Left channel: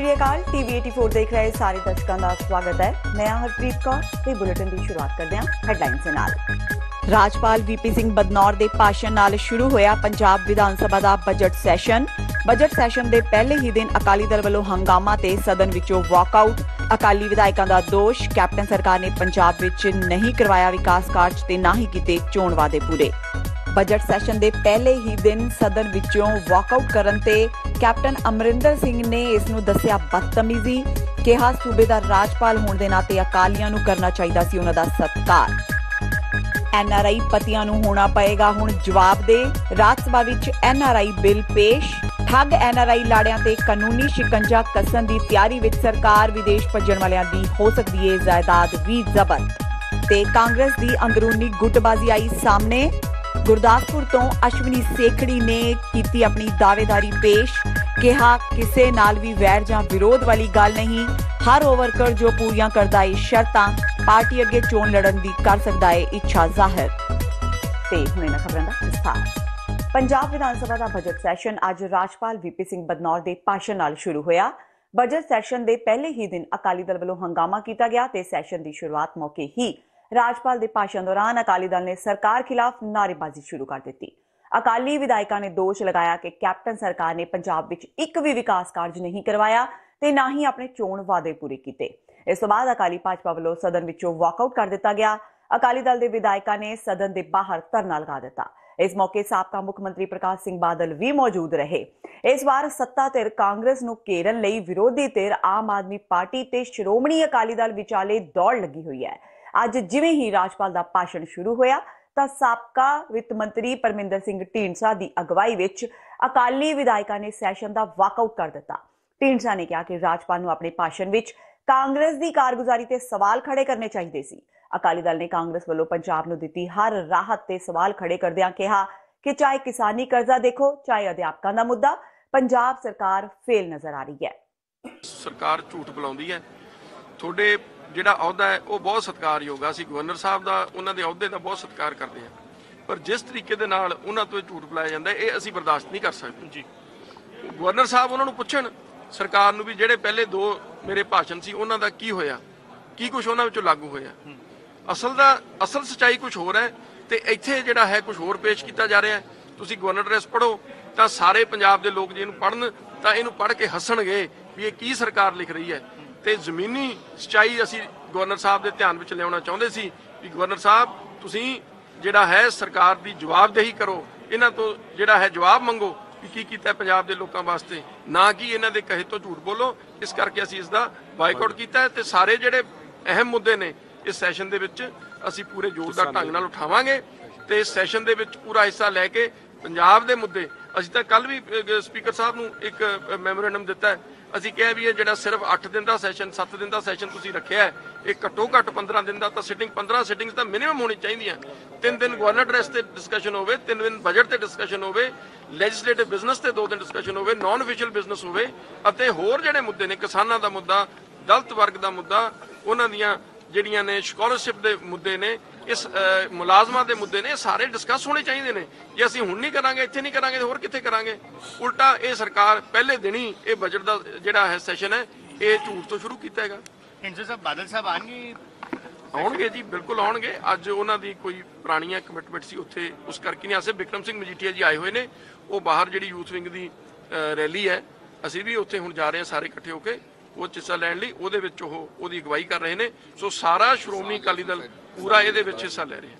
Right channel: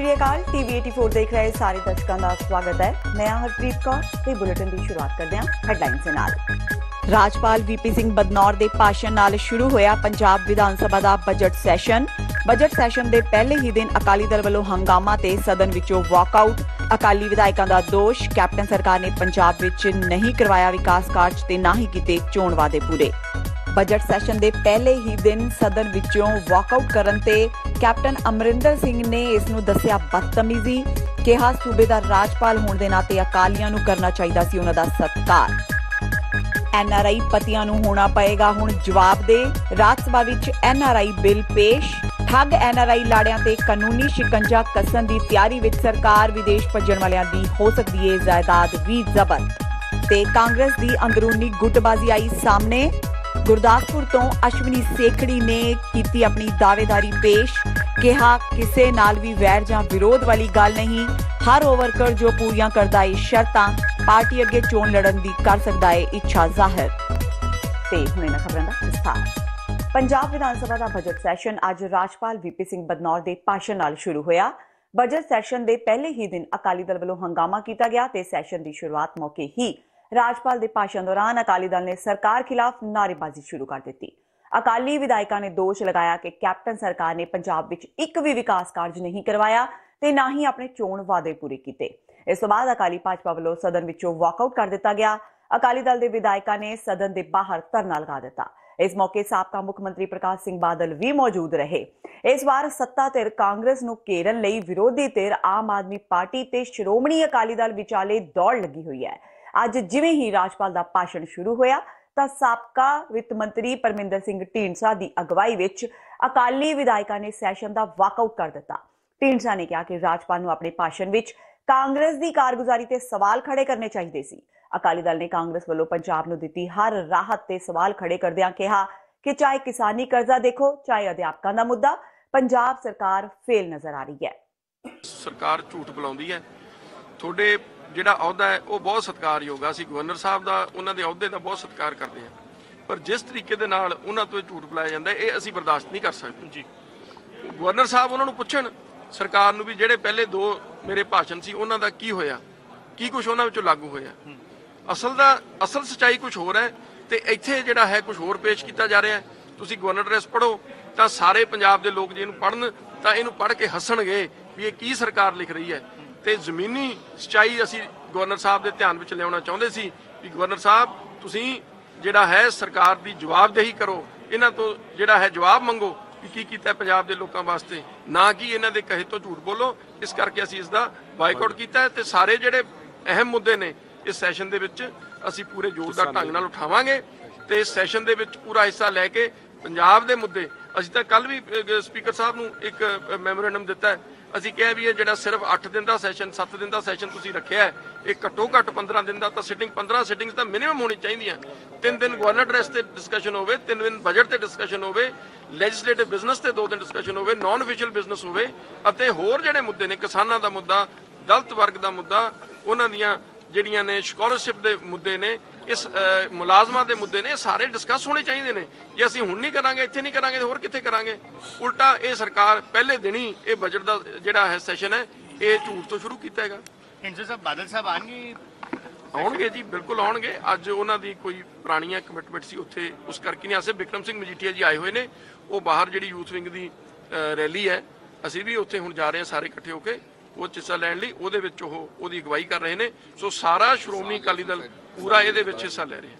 श्री अकाल टीवी 84 देख रहे सारे दर्शकों का स्वागत है। मैं हरप्रीत कौर ते बुलेटिन की शुरुआत करते हैं हेडलाइंस दे नाल। राजपाल वीपी सिंह बदनौर के भाषण नाल शुरू होया पंजाब विधान सभा का बजट सैशन। बजट सैशन के पहले ही दिन अकाली दल वालों हंगामा ते सदन विचों वॉकआउट। अकाली विधायकों का दोष, कैप्टन सरकार ने पंजाब विच नहीं करवाया विकास कार्ज ते ना ही कीते चोण वादे पूरे। बजट सैशन के पहले ही दिन सदन विचों वॉकआउट करन ते कैप्टन अमरिंदर सिंह ने इसनूं दस्सिया बदतमीजी। कहा सूबे का राजपाल होने के नाते अकालियां नूं करना चाहिए सी उन्हां दा सत्कार। एनआरआई पतियां नूं होना पएगा हुण जवाब दे। राज्य सभा विच एनआरआई बिल पेश। ठग एनआरआई लाड़ियां ते कानूनी शिकंजा कसन की तैयारी विच सरकार। विदेश भज्जण वालियां दी हो सकदी है जायदाद भी जब्त। ते कांग्रेस की अंदरूनी गुटबाजी आई सामने। गुरदासपुर तो अश्विनी सेखड़ी ने की अपनी दावेदारी पेश। कहा किसे नाल भी वैर जां विरोध वाली गल नहीं। हर वो वर्कर जो पूरियां करदा है शर्तां पार्टी अगे चोण लड़न दी कर सकदा है इच्छा जाहिर। ते हुणे ना खबरां दा विस्तार। पंजाब विधान सभा का बजट सैशन अज राजपाल वीपी सिंह बदनौर के भाषण नाल शुरू होया। बजट सैशन के पहले ही दिन अकाली दल वालों हंगामा किया गया ते सैशन की शुरुआत मौके ही राजपाल के भाषण दौरान अकाली दल ने सरकार खिलाफ नारेबाजी शुरू कर दी। अकाली विधायकों ने दोष लगाया कि कैप्टन सरकार ने पंजाब विच एक भी विकास कार्ज नहीं करवाया ते ना ही अपने चोण वादे पूरे किए। इस बाद अकाली भाजपा वालों सदन विचों वॉकआउट कर दिता गया। अकाली दल के विधायकों ने सदन के बाहर धरना लगा दिता। इस मौके साबका मुख्यमंत्री प्रकाश सिंह बादल भी मौजूद रहे। इस बार सत्ता धिर कांग्रेस नूं घेरन लई विरोधी धिर आम आदमी पार्टी ते श्रोमणी अकाली दल विचाले दौड़ लगी हुई है। अज जिवें ही राजपाल का भाषण शुरू होया तां साबका वित्त मंत्री परमिंदर सिंह ढींडसा की अगवाई विच अकाली विधायकों ने सैशन का वॉकआउट कर दिता। ढींडसा ने कहा कि राजपाल नूं अपने भाषण विच कांग्रेस की कारगुजारी ते सवाल खड़े करने चाहिए सी। अकाली दल ने कांग्रेस वालों पंजाब नूं दित्ती हर राहत ते सवाल खड़े करदिआं कहा कि चाहे किसानी कर्जा देखो, चाहे अध्यापकों का मुद्दा, पंजाब सरकार फेल नजर आ रही है। सरकार झूठ बुलाउंदी है। थोड़े ਜਿਹੜਾ ਅਹੁਦਾ ਹੈ ਉਹ ਬਹੁਤ ਸਤਿਕਾਰਯੋਗ ਆ। ਅਸੀਂ ਗਵਰਨਰ ਸਾਹਿਬ ਦਾ ਉਹਨਾਂ ਦੇ ਅਹੁਦੇ ਦਾ ਬਹੁਤ ਸਤਿਕਾਰ ਕਰਦੇ ਹਾਂ, ਪਰ ਜਿਸ ਤਰੀਕੇ ਦੇ ਨਾਲ ਉਹਨਾਂ ਤੋਂ ਝੂਠ ਬੁਲਾਇਆ ਜਾਂਦਾ ਇਹ ਅਸੀਂ ਬਰਦਾਸ਼ਤ ਨਹੀਂ ਕਰ ਸਕਦੇ ਜੀ। ਗਵਰਨਰ ਸਾਹਿਬ ਉਹਨਾਂ ਨੂੰ ਪੁੱਛਣ ਸਰਕਾਰ ਨੂੰ ਵੀ ਜਿਹੜੇ ਪਹਿਲੇ ਦੋ ਮੇਰੇ ਭਾਸ਼ਣ ਸੀ ਉਹਨਾਂ ਦਾ ਕੀ ਹੋਇਆ, ਕੀ ਕੁਝ ਉਹਨਾਂ ਵਿੱਚੋਂ ਲਾਗੂ ਹੋਇਆ। ਅਸਲ ਸੱਚਾਈ ਕੁਝ ਹੋਰ ਹੈ ਤੇ ਇੱਥੇ ਜਿਹੜਾ ਹੈ ਕੁਝ ਹੋਰ ਪੇਸ਼ ਕੀਤਾ ਜਾ ਰਿਹਾ ਹੈ। ਤੁਸੀਂ ਗਵਰਨਰ ਐਡਰੈਸ ਪੜ੍ਹੋ ਤਾਂ ਸਾਰੇ ਪੰਜਾਬ ਦੇ ਲੋਕ ਜੇ ਇਹਨੂੰ ਪੜ੍ਹਨ ਤਾਂ ਇਹਨੂੰ ਪੜ੍ਹ ਕੇ ਹੱਸਣਗੇ ਵੀ ਇਹ ਕੀ ਸਰਕਾਰ ਲਿਖ ਰਹੀ ਹੈ। ਤੇ ਜ਼ਮੀਨੀ ਸੱਚਾਈ ਅਸੀਂ ਗਵਰਨਰ ਸਾਹਿਬ ਦੇ ਧਿਆਨ ਵਿੱਚ ਲਿਆਉਣਾ ਚਾਹੁੰਦੇ ਸੀ ਕਿ ਗਵਰਨਰ ਸਾਹਿਬ ਤੁਸੀਂ ਜਿਹੜਾ ਹੈ ਸਰਕਾਰ ਦੀ ਜਵਾਬਦੇਹੀ ਕਰੋ, ਇਹਨਾਂ ਤੋਂ ਜਿਹੜਾ ਹੈ ਜਵਾਬ ਮੰਗੋ ਕਿ ਕੀ ਕੀਤਾ ਪੰਜਾਬ ਦੇ ਲੋਕਾਂ ਵਾਸਤੇ, ਨਾ ਕਿ ਇਹਨਾਂ ਦੇ ਕਹੇ ਤੋਂ ਝੂਠ ਬੋਲੋ। ਇਸ ਕਰਕੇ ਅਸੀਂ ਇਸ ਦਾ ਬਾਈਕਾਟ ਕੀਤਾ ਤੇ ਸਾਰੇ ਜਿਹੜੇ ਅਹਿਮ ਮੁੱਦੇ ਨੇ ਇਸ ਸੈਸ਼ਨ ਦੇ ਵਿੱਚ ਅਸੀਂ ਪੂਰੇ ਜ਼ੋਰਦਾਰ ਢੰਗ ਨਾਲ ਉਠਾਵਾਂਗੇ ਤੇ ਇਸ ਸੈਸ਼ਨ ਦੇ ਵਿੱਚ ਪੂਰਾ ਹਿੱਸਾ ਲੈ ਕੇ ਪੰਜਾਬ ਦੇ ਮੁੱਦੇ ਅਸੀਂ ਤਾਂ ਕੱਲ ਵੀ ਸਪੀਕਰ ਸਾਹਿਬ ਨੂੰ ਇੱਕ ਮੈਮੋਰੈਂਡਮ ਦਿੱਤਾ ਹੈ। ਅਸੀਂ ਕਿਹਾ ਵੀ ਇਹ ਜਿਹੜਾ ਸਿਰਫ 8 ਦਿਨ ਦਾ ਸੈਸ਼ਨ 7 ਦਿਨ ਦਾ ਸੈਸ਼ਨ ਤੁਸੀਂ ਰੱਖਿਆ ਹੈ ਇਹ ਘੱਟੋ ਘੱਟ 15 ਦਿਨ ਦਾ ਤਾਂ ਸਿਟਿੰਗ 15 ਸਿਟਿੰਗਸ ਤਾਂ ਮਿਨੀਮਮ ਹੋਣੀ ਚਾਹੀਦੀਆਂ। 3 ਦਿਨ ਗਵਰਨਰ ਐਡਰੈਸ ਤੇ ਡਿਸਕਸ਼ਨ ਹੋਵੇ, 3 ਦਿਨ ਬਜਟ ਤੇ ਡਿਸਕਸ਼ਨ ਹੋਵੇ, ਲੈਜਿਸਲੇਟਿਵ ਬਿਜ਼ਨਸ ਤੇ 2 ਦਿਨ ਡਿਸਕਸ਼ਨ ਹੋਵੇ, ਨਾਨ ਅਫੀਸ਼ੀਅਲ ਬਿਜ਼ਨਸ ਹੋਵੇ ਅਤੇ ਹੋਰ ਜਿਹੜੇ ਮੁੱਦੇ ਨੇ ਕਿਸਾਨਾਂ ਦਾ ਮੁੱਦਾ, ਦਲਿਤ ਵਰਗ ਦਾ ਮੁੱਦਾ, ਉਹਨਾਂ ਦੀਆਂ ਜਿਹੜੀਆਂ ਨੇ ਸਕਾਲਰਸ਼ਿਪ ਦੇ ਮੁੱਦੇ ਨੇ, ਇਸ ਮੁਲਾਜ਼ਮਾਂ ਦੇ ਮੁੱਦੇ ਨੇ, ਸਾਰੇ ਡਿਸਕਸ ਹੋਣੇ ਚਾਹੀਦੇ ਨੇ। ਜੇ ਅਸੀਂ ਹੁਣ ਨਹੀਂ ਕਰਾਂਗੇ, ਇੱਥੇ ਨਹੀਂ ਕਰਾਂਗੇ, ਹੋਰ ਕਿੱਥੇ ਕਰਾਂਗੇ। ਉਲਟਾ ਇਹ ਸਰਕਾਰ ਪਹਿਲੇ ਦਿਨ ਹੀ ਇਹ ਬਜਟ ਦਾ ਜਿਹੜਾ ਹੈ ਸੈਸ਼ਨ ਹੈ ਇਹ ਝੂਠ ਤੋਂ ਸ਼ੁਰੂ ਕੀਤਾ ਹੈਗਾ। ਬਾਦਲ ਸਾਹਿਬ ਆਉਣਗੇ ਜੀ, ਬਿਲਕੁਲ ਆਉਣਗੇ। ਅੱਜ ਉਹਨਾਂ ਦੀ ਕੋਈ ਪੁਰਾਣੀਆਂ ਕਮਿਟਮੈਂਟ ਸੀ ਉੱਥੇ, ਉਸ ਕਰਕੇ ਨਹੀਂ ਆਸੇ। ਬਿਕਰਮ ਸਿੰਘ ਮਜੀਠੀਆ ਜੀ ਆਏ ਹੋਏ ਨੇ, ਉਹ ਬਾਹਰ ਜਿਹੜੀ ਯੂਥ ਵਿੰਗ ਦੀ ਰੈਲੀ ਹੈ ਅਸੀਂ ਵੀ ਉੱਥੇ ਹੁਣ ਜਾ ਰਹੇ ਹਾਂ ਸਾਰੇ ਇਕੱਠੇ ਹੋ ਕੇ ਉਹ ਹਿੱਸਾ ਲੈਣ ਲਈ। ਉਹਦੇ ਵਿੱਚ ਉਹਦੀ ਅਗਵਾਈ ਕਰ ਰਹੇ ਨੇ। ਸੋ ਸਾਰਾ ਸ਼੍ਰੋਮਣੀ ਅਕਾਲੀ ਦਲ ਪੂਰਾ ਇਹਦੇ ਵਿੱਚ ਹਿੱਸਾ ਲੈ ਰਿਹਾ।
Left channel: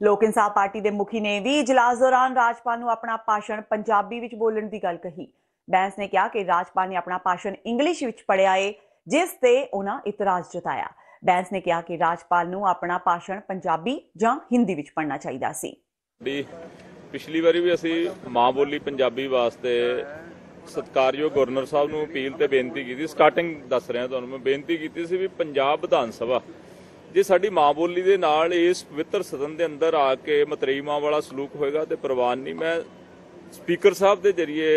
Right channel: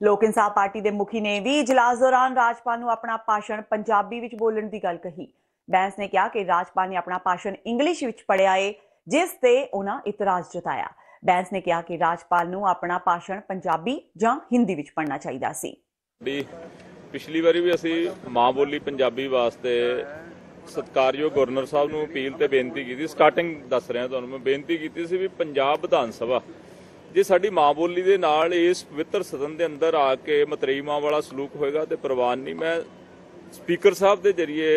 लोक इंसाफ पार्टी के मुखी ने भी इजलास दौरान राजपाल नूं अपना भाषण पंजाबी विच बोलण दी गल कही। बैंस ने कहा कि राजपाल ने अपना भाषण इंग्लिश विच पढ़िया है जिस ते उन्हां इतराज जताया। बैंस ने कहा कि राजपाल नूं अपना भाषण पंजाबी जां हिंदी विच पढ़ना चाहिदा सी। पिछली बारी भी असीं मां बोली पंजाबी वास्ते सत्कारयोग गवर्नर साहब नूं अपील ते बेनती की। स्टार्टिंग दस रहा तुहानूं मैं बेनती की सी भी पंजाब विधान सभा जे साडी मां बोली दे नाल इस पवित्र सदन दे अंदर आके मतरेई मां वाला सलूक होएगा ते प्रवान नहीं। मैं स्पीकर साहब दे जरिए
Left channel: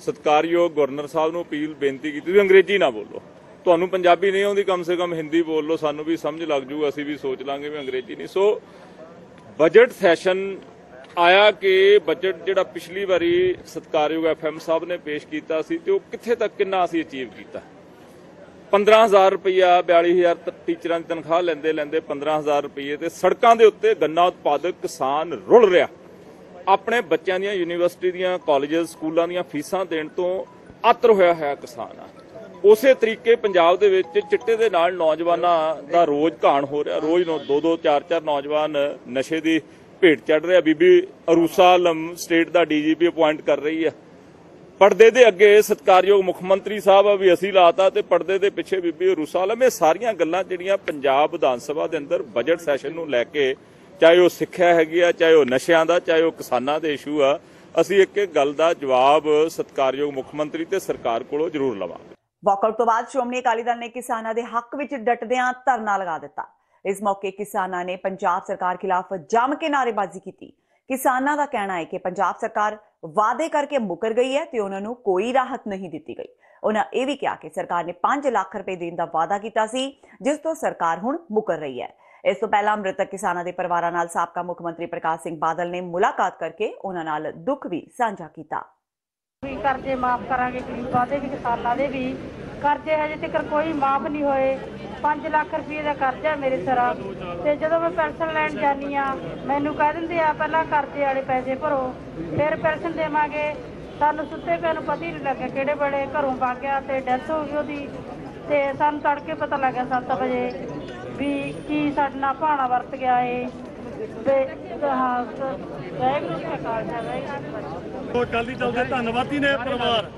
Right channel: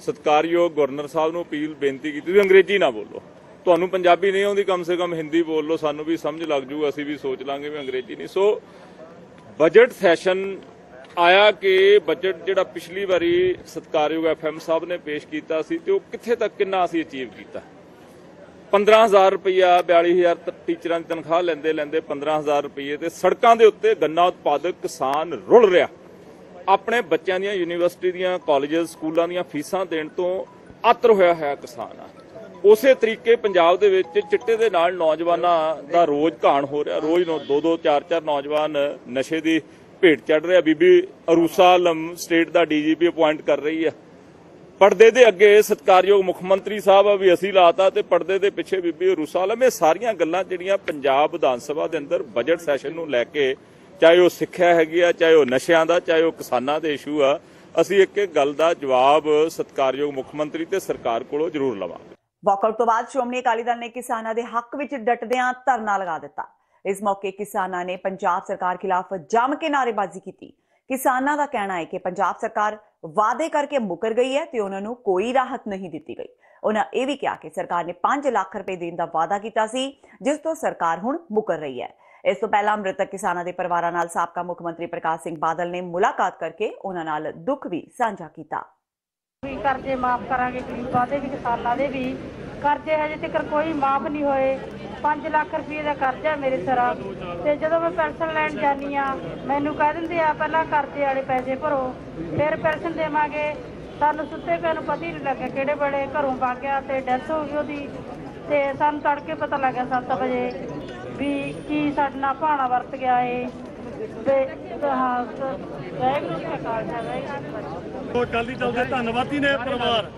सत्कारयोग गवर्नर साहब नूं अपील बेनती की अंग्रेजी ना बोलो, तुहानूं पंजाबी नहीं आउंदी कम से कम हिंदी बोल लो, सानूं भी समझ लग जू, असीं भी सोच लांगे भी अंग्रेजी नहीं। सो बजट सैशन ਆਇਆ ਕਿ ਬਜਟ ਜਿਹੜਾ ਪਿਛਲੀ ਵਾਰੀ ਸਤਿਕਾਰਯੋਗ FM ਸਾਹਿਬ ਨੇ ਪੇਸ਼ ਕੀਤਾ ਸੀ ਤੇ ਉਹ ਕਿੱਥੇ ਤੱਕ ਕਿੰਨਾ ਅਸੀਂ ਅਚੀਵ ਕੀਤਾ। 15,000 ਰੁਪਇਆ 42,000 ਟੀਚਰਾਂ ਦੀ ਤਨਖਾਹ ਲੈਂਦੇ 15,000 ਰੁਪਏ ਤੇ ਸੜਕਾਂ ਦੇ ਉੱਤੇ ਗੰਨਾ ਉਤਪਾਦਕ ਕਿਸਾਨ ਰੁਲ ਰਿਹਾ। ਆਪਣੇ ਬੱਚਿਆਂ ਦੀਆਂ ਯੂਨੀਵਰਸਿਟੀ ਦੀਆਂ ਕਾਲਜਸ ਸਕੂਲਾਂ ਦੀਆਂ ਫੀਸਾਂ ਦੇਣ ਤੋਂ ਆਤਰ ਹੋਇਆ ਹੈ ਕਿਸਾਨ। ਉਸੇ ਤਰੀਕੇ ਪੰਜਾਬ ਦੇ ਵਿੱਚ ਚਿੱਟੇ ਦੇ ਨਾਲ ਨੌਜਵਾਨਾਂ ਦਾ ਰੋਜ਼ ਘਾਣ ਹੋ ਰਿਹਾ। ਰੋਜ਼ ਨੂੰ 2-2 4-4 ਨੌਜਵਾਨ ਨਸ਼ੇ ਦੀ ਭੇਟ ਚੜ ਰਿਹਾ। ਬੀਬੀ ਅਰੂਸਾ ਆਲਮ ਸਟੇਟ ਦਾ DGP ਅਪਾਇੰਟ ਕਰ ਰਹੀ ਹੈ। ਪਰਦੇ ਦੇ ਅੱਗੇ ਸਤਿਕਾਰਯੋਗ ਮੁੱਖ ਮੰਤਰੀ ਸਾਹਿਬ ਵੀ ਅਸੀਂ ਲਾਤਾ ਤੇ ਪਰਦੇ ਦੇ ਪਿੱਛੇ ਬੀਬੀ ਅਰੂਸਾ ਆਲਮ। ਇਹ ਸਾਰੀਆਂ ਗੱਲਾਂ ਜਿਹੜੀਆਂ ਪੰਜਾਬ ਵਿਧਾਨ ਸਭਾ ਦੇ ਅੰਦਰ ਬਜਟ ਸੈਸ਼ਨ ਨੂੰ ਲੈ ਕੇ, ਚਾਹੇ ਉਹ ਸਿੱਖਿਆ ਹੈਗੀ ਆ, ਚਾਹੇ ਉਹ ਨਸ਼ਿਆਂ ਦਾ, ਚਾਹੇ ਉਹ ਕਿਸਾਨਾਂ ਦੇ ਇਸ਼ੂ ਆ, ਅਸੀਂ ਇੱਕ ਗੱਲ ਦਾ ਜਵਾਬ ਸਤਿਕਾਰਯੋਗ ਮੁੱਖ ਮੰਤਰੀ ਤੇ ਸਰਕਾਰ ਕੋਲੋਂ ਜ਼ਰੂਰ ਲਵਾਂਗੇ। ਵਾਕਆਊਟ ਤੋਂ ਬਾਅਦ ਸ਼੍ਰੋਮਣੀ ਅਕਾਲੀ ਦਲ ਨੇ ਕਿਸਾਨਾਂ ਦੇ ਹੱਕ ਵਿੱਚ ਡਟਦਿਆਂ ਧਰਨਾ ਲਗਾ ਦਿੱਤਾ। ਇਸ ਮੌਕੇ ਕਿਸਾਨਾਂ ਨੇ ਪੰਜਾਬ ਸਰਕਾਰ ਖਿਲਾਫ ਜੰਮ ਕੇ ਨਾਅਰੇਬਾਜ਼ੀ ਕੀਤੀ। ਕਿਸਾਨਾਂ ਦਾ ਕਹਿਣਾ ਹੈ ਕਿ ਪੰਜਾਬ ਸਰਕਾਰ ਵਾਅਦੇ ਕਰਕੇ ਮੁੱਕਰ ਗਈ ਹੈ ਤੇ ਉਹਨਾਂ ਨੂੰ ਕੋਈ ਰਾਹਤ ਨਹੀਂ ਦਿੱਤੀ ਗਈ। ਉਹਨਾਂ ਇਹ ਵੀ ਕਿਹਾ ਕਿ ਸਰਕਾਰ ਨੇ 5 ਲੱਖ ਰੁਪਏ ਦੇਣ ਦਾ ਵਾਅਦਾ ਕੀਤਾ ਸੀ, ਜਿਸ ਤੋਂ ਸਰਕਾਰ ਹੁਣ ਮੁੱਕਰ ਰਹੀ ਹੈ। ਇਸ ਤੋਂ ਪਹਿਲਾਂ ਮ੍ਰਿਤਕ ਕਿਸਾਨਾਂ ਦੇ ਪਰਿਵਾਰਾਂ ਨਾਲ ਸਾਬਕਾ ਮੁੱਖ ਮੰਤਰੀ ਪ੍ਰਕਾਸ਼ ਸਿੰਘ ਬਾਦਲ ਨੇ ਮੁਲਾਕਾਤ ਕਰਕੇ ਉਹਨਾਂ ਨਾਲ ਦੁੱਖ ਵੀ ਸਾਂਝਾ ਕੀਤਾ। ਕਰਜ਼ੇ ਮਾਫ ਕਰਾਂਗੇ, ਗਰੀਬਾਂ ਦੇ ਵੀ ਕਿਸਾਨਾਂ ਦੇ ਵੀ ਕਰਜ਼ੇ ਹਜੇ ਤੱਕ ਕੋਈ ਮਾਫ ਨਹੀਂ ਹੋਏ। 5 ਲੱਖ ਰੁਪਏ ਦਾ ਕਰਜ਼ਾ ਹੈ ਮੇਰੇ ਸਿਰ ਤੇ ਜਦੋਂ ਮੈਂ ਪੈਨਸ਼ਨ ਲੈਣ ਜਾਂਦੀ ਆ ਮੈਨੂੰ ਕਹਿ ਦਿੰਦੇ ਆ ਪਹਿਲਾਂ ਕਰਜ਼ੇ ਵਾਲੇ ਪੈਸੇ ਭਰੋ ਫਿਰ ਪੈਨਸ਼ਨ ਦੇਵਾਂਗੇ। ਸਾਨੂੰ ਸੁੱਤੇ ਪਏ ਨੂੰ ਪਤਾ ਹੀ ਨਹੀਂ ਲੱਗਿਆ ਕਿਹੜੇ ਬੜੇ ਘਰੋਂ ਵਗ ਗਿਆ ਤੇ ਡੈਥ ਹੋ ਗਈ ਉਹਦੀ। ਤੇ ਸਾਨੂੰ ਤੜਕੇ ਪਤਾ ਲੱਗਿਆ 7 ਵਜੇ ਵੀ ਕੀ ਸਾਡੇ ਨਾਲ ਭਾਣਾ ਵਰਤ ਗਿਆ ਏ। ਤੇ ਅਕਾਲੀ ਦਲ ਦੇ ਧੰਨਵਾਦੀ ਨੇ ਪਰਿਵਾਰ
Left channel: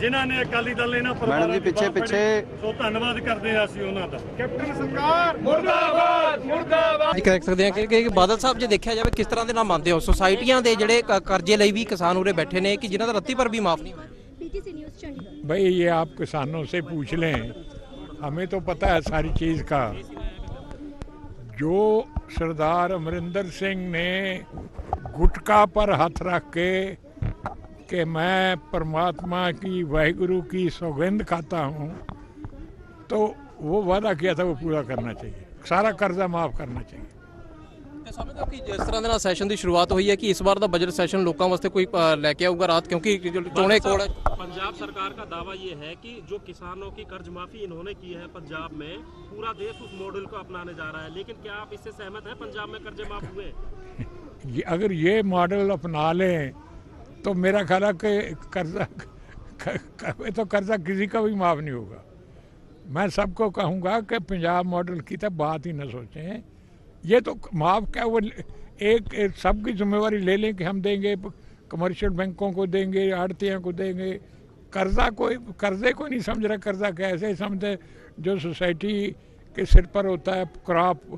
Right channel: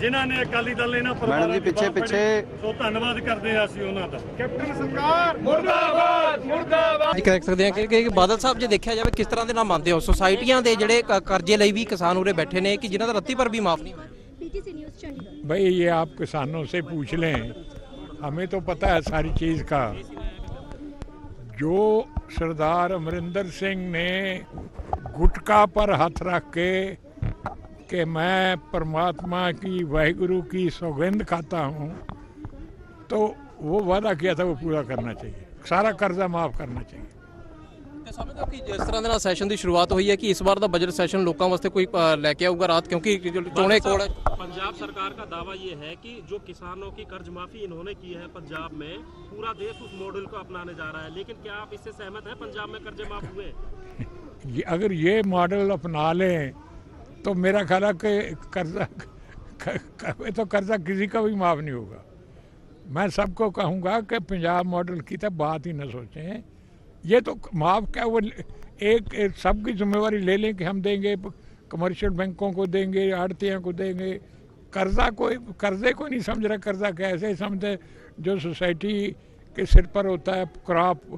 ਜਿਨ੍ਹਾਂ ਨੇ ਅਕਾਲੀ ਦਲ ਇਹਨਾਂ ਮੈਡਮ ਜੀ ਪਿੱਛੇ ਸੋ ਧੰਨਵਾਦ ਕਰਦੇ ਹਾਂ ਅਸੀਂ ਉਹਨਾਂ ਦਾ। ਕੈਪਟਨ ਸਰਕਾਰ ਮੁਰਦਾਬਾਦ ਮੁਰਦਾਬਾਦ। ਇਹ ਕਹਿ ਸਕਦੇ ਹਾਂ ਕਿ ਬਾਦਲ ਸਾਹਿਬ ਜੇ ਦੇਖਿਆ ਜਾਵੇ ਕਿਸ ਤਰ੍ਹਾਂ ਦੇ ਨਾਲ ਮੰਨਦੇ ਹੋ ਸੁਸਾਇਟੀਆਂ ਦੇ ਜਿਹੜੇ ਕਰਜ਼ੇ ਲਈ ਵੀ ਕਿਸਾਨ ਉਰੇ ਬੈਠੇ ਨੇ ਕਿ ਜਿਨ੍ਹਾਂ ਦਾ ਰੱਤੀ ਪਰ ਵੀ ਮਾਫ नहीं हुआ। भाई ये आप किसानों से पूछ लें, हमें तो पता है सारी चीज का। जो सरदार अमरिंदर सिंह ने गुटका पर हाथ रख के कि मैं परमात्मा की वाहिगुरु की सौगंध खाता हूँ, तो वो वादा किया था वो पूरा करना चाहिए, सारा कर्जा माफ करना चाहिए। ਸਮਝੋ ਕਿ ਜਿਸ ਤਰ੍ਹਾਂ ਦੇ ਨਾਲ ਸੈਸ਼ਨ ਦੀ ਸ਼ੁਰੂਆਤ ਹੋਈ ਹੈ ਕਿ ਇਸ ਵਾਰ ਦਾ ਬਜਟ ਸੈਸ਼ਨ ਲੋਕਾਂ ਵਾਸਤੇ ਕੋਈ ਲੈ ਕੇ ਆਊਗਾ ਰਾਤ, क्योंकि चोणे कोड़। पंजाब सरकार का दावा ये है कि जो किसानों की कर्ज माफी इन्होंने की है पंजाब में, पूरा देश उस मॉडल को अपनाने जा रहा है। लेकिन क्या आप इससे सहमत हैं? पंजाब में कर्जे माफ हुए? अगर ये मॉडल अपना लें तो मेरा ख्याल है कि कर्जा किसी का भी माफ नहीं होगा। मैं सबको कहूँगा कि पंजाब मॉडल की तो बात ही न सोचें। ये तो माफ क्या, वो एक सबकी जिम्मेवारी ले लें कि हम देंगे, कमर्शियल बैंकों को देंगे, आड़तियों को देंगे। कर्जे को नहीं समझ रहा। कर्जा कैसे समझे जो सोसाइटी के सिर पर होता है, क्रॉप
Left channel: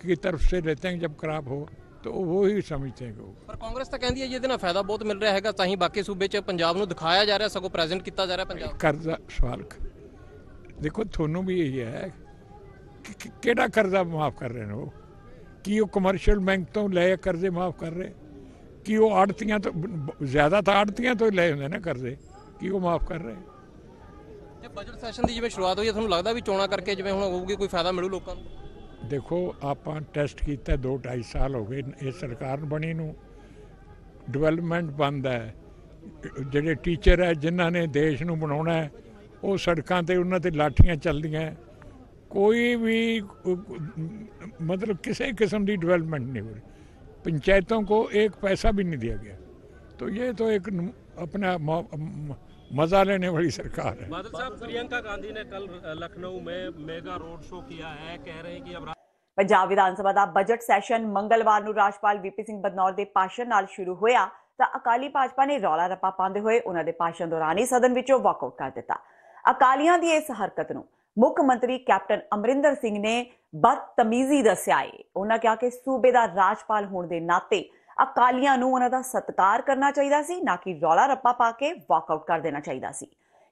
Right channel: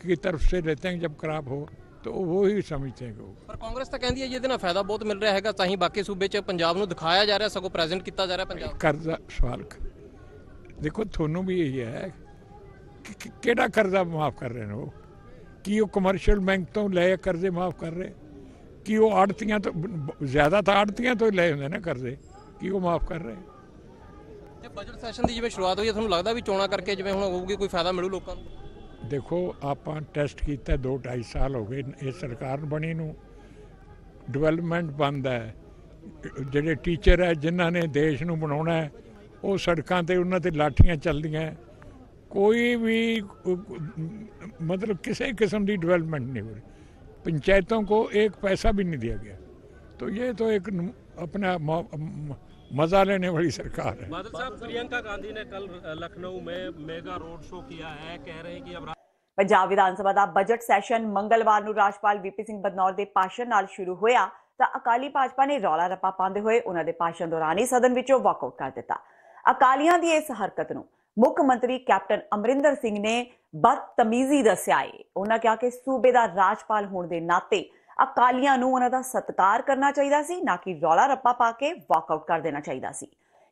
की तरफ से लेते हैं जब क्रॉप हो, तो वो ही समझते हैं। ਪਰ ਕਾਂਗਰਸ ਤਾਂ ਕਹਿੰਦੀ ਹੈ ਜਿਹਦੇ ਨਾਲ ਫਾਇਦਾ ਬਹੁਤ ਮਿਲ ਰਿਹਾ ਹੈਗਾ, ਤਾਂ ਹੀ ਬਾਕੀ ਸੂਬੇ 'ਚ ਪੰਜਾਬ ਨੂੰ ਦਿਖਾਇਆ ਜਾ ਰਿਹਾ, ਸਗੋਂ ਪ੍ਰੈਜ਼ੈਂਟ ਕੀਤਾ ਜਾ ਰਿਹਾ ਪੰਜਾਬ। कर्जा सवाल देखो थोनों भी यही है कि केड़ा कर्जा माफ कर रहे हो कि वो कमर्शियल बैंक तो ले कर्जे माफ कर रहे कि वो आड़तियां तो ज्यादा था, आड़तियां तो ले होंगे ना कर्जे कि वो माफ कर रहे। ਤੇ ਬਜਟ ਸੈਸ਼ਨ ਦੀ ਜਿਵੇਂ ਸ਼ੁਰੂਆਤ ਹੋਈ ਹੈ, ਤੁਹਾਨੂੰ ਲੱਗਦਾ ਵੀ ਚੋਣਾਂ ਕਰਕੇ ਜਿਵੇਂ ਹੁਣ ਹੋਊਗੀ ਕੋਈ ਫਾਇਦਾ ਮਿਲੂ ਲੋਕਾਂ ਨੂੰ? देखो ਆਪਾਂ ਟੈਸਟ ਕੀਤਾ 2-2.5 ਸਾਲ ਹੋ ਗਏ ਇਹ ਸਰਕਾਰ ਬਣੀ ਨੂੰ। ਡਿਵੈਲਪਮੈਂਟ ਬੰਦ ਹੈ। ਜਿਹੜੇ ਟੀਚਰ ਹੈ ਜਿਨ੍ਹਾਂ ਨੇ ਦੇਸ਼ ਨੂੰ ਬਣਾਉਣਾ ਹੈ ਉਹ ਸੜਕਾਂ ਤੇ ਉਹਨਾਂ ਤੇ ਲਾਠੀਆਂ ਚੱਲਦੀਆਂ। ਕੋਈ ਵੀ मतलब किसी किस्म की डेवलपमेंट नहीं हो रही। पंचायतों को एक पैसा भी नहीं दिया गया। तो ये तो एक अपना मजा लेने वाली सरकार है। बादल साहब, प्रियंका गांधी ने कल लखनऊ में मेगा रोड शो किया है, कह रहे हैं कि अब ਪੰਜਾਬ ਵਿਧਾਨ ਸਭਾ ਦਾ ਬਜਟ ਸੈਸ਼ਨ ਮੰਗਲਵਾਰ ਨੂੰ ਰਾਜਪਾਲ ਵੀਪੀ ਸਿੰਘ ਬਦਨੌਰ ਦੇ ਭਾਸ਼ਣ ਨਾਲ ਸ਼ੁਰੂ ਹੋਇਆ ਤਾਂ ਅਕਾਲੀ ਭਾਜਪਾ ਨੇ ਰੌਲਾ ਰੱਪਾ ਪਾਉਂਦੇ ਹੋਏ ਉਹਨਾਂ ਦੇ ਭਾਸ਼ਣ ਦੌਰਾਨ ਹੀ ਸਦਨ ਵਿੱਚੋਂ ਵਾਕਆਊਟ ਕਰ ਦਿੱਤਾ। ਅਕਾਲੀਆਂ ਦੀ ਇਸ ਹਰਕਤ ਨੂੰ ਮੁੱਖ ਮੰਤਰੀ ਕੈਪਟਨ ਅਮਰਿੰਦਰ ਸਿੰਘ ਨੇ ਬਦਤਮੀਜ਼ੀ ਦੱਸਿਆ ਹੈ। ਉਹਨਾਂ ਕਿਹਾ ਕਿ ਸੂਬੇ ਦਾ ਰਾਜਪਾਲ ਹੋਣ ਦੇ ਨਾਤੇ ਅਕਾਲੀਆਂ ਨੂੰ ਉਹਨਾਂ ਦਾ ਸਤਿਕਾਰ ਕਰਨਾ ਚਾਹੀਦਾ ਸੀ, ਨਾ ਕਿ ਰੌਲਾ ਰੱਪਾ ਪਾ ਕੇ ਵਾਕਆਊਟ ਕਰ ਦੇਣਾ ਚਾਹੀਦਾ ਸੀ।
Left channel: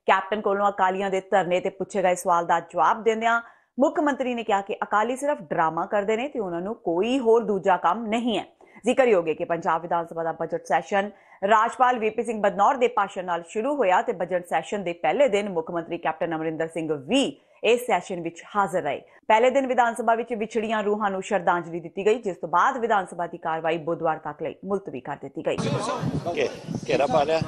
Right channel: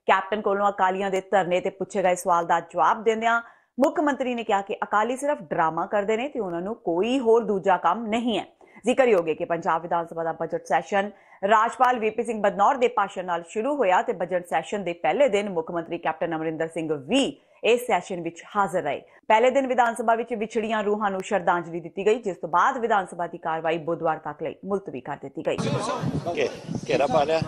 ਕੈਪਟਨ ਕੋਲੋਂ ਅਕਾਲੀਆਂ ਦੇ ਧਰਨੇ ਤੇ ਪੁੱਛੇ ਗਏ ਸਵਾਲ ਦਾ ਜਵਾਬ ਦਿੰਦਿਆਂ ਮੁੱਖ ਮੰਤਰੀ ਨੇ ਕਿਹਾ ਕਿ ਅਕਾਲੀ ਸਿਰਫ ਡਰਾਮਾ ਕਰਦੇ ਨੇ ਤੇ ਉਹਨਾਂ ਨੂੰ ਕੋਈ ਹੋਰ ਦੂਜਾ ਕੰਮ ਨਹੀਂ ਹੈ। ਜ਼ਿਕਰਯੋਗ ਹੈ ਕਿ ਪੰਜਾਬ ਵਿਧਾਨ ਸਭਾ ਦਾ ਬਜਟ ਸੈਸ਼ਨ ਰਾਜਪਾਲ ਵੀਪੀ ਸਿੰਘ ਬਦਨੌਰ ਦੇ ਭਾਸ਼ਣ ਨਾਲ ਸ਼ੁਰੂ ਹੋਇਆ ਤੇ ਬਜਟ ਸੈਸ਼ਨ ਦੇ ਪਹਿਲੇ ਦਿਨ ਮੁੱਖ ਮੰਤਰੀ ਕੈਪਟਨ ਅਮਰਿੰਦਰ ਸਿੰਘ ਵੀ ਇਸ ਸੈਸ਼ਨ ਵਿੱਚ ਹਾਜ਼ਰ ਰਹੇ। ਪਹਿਲੇ ਦਿਨ ਵਿਧਾਨ ਸਭਾ ਵਿੱਚ ਵਿਛੜੀਆਂ ਰੂਹਾਂ ਨੂੰ ਸ਼ਰਧਾਂਜਲੀ ਦਿੱਤੀ ਗਈ, ਜਿਸ ਤੋਂ ਬਾਅਦ ਵਿਧਾਨ ਸਭਾ ਦੀ ਕਾਰਵਾਈ ਬੁੱਧਵਾਰ ਤੱਕ ਲਈ ਮੁਲਤਵੀ ਕਰ ਦਿੱਤੀ ਗਈ। ਘੇਰਾ ਪਾ ਲਿਆ।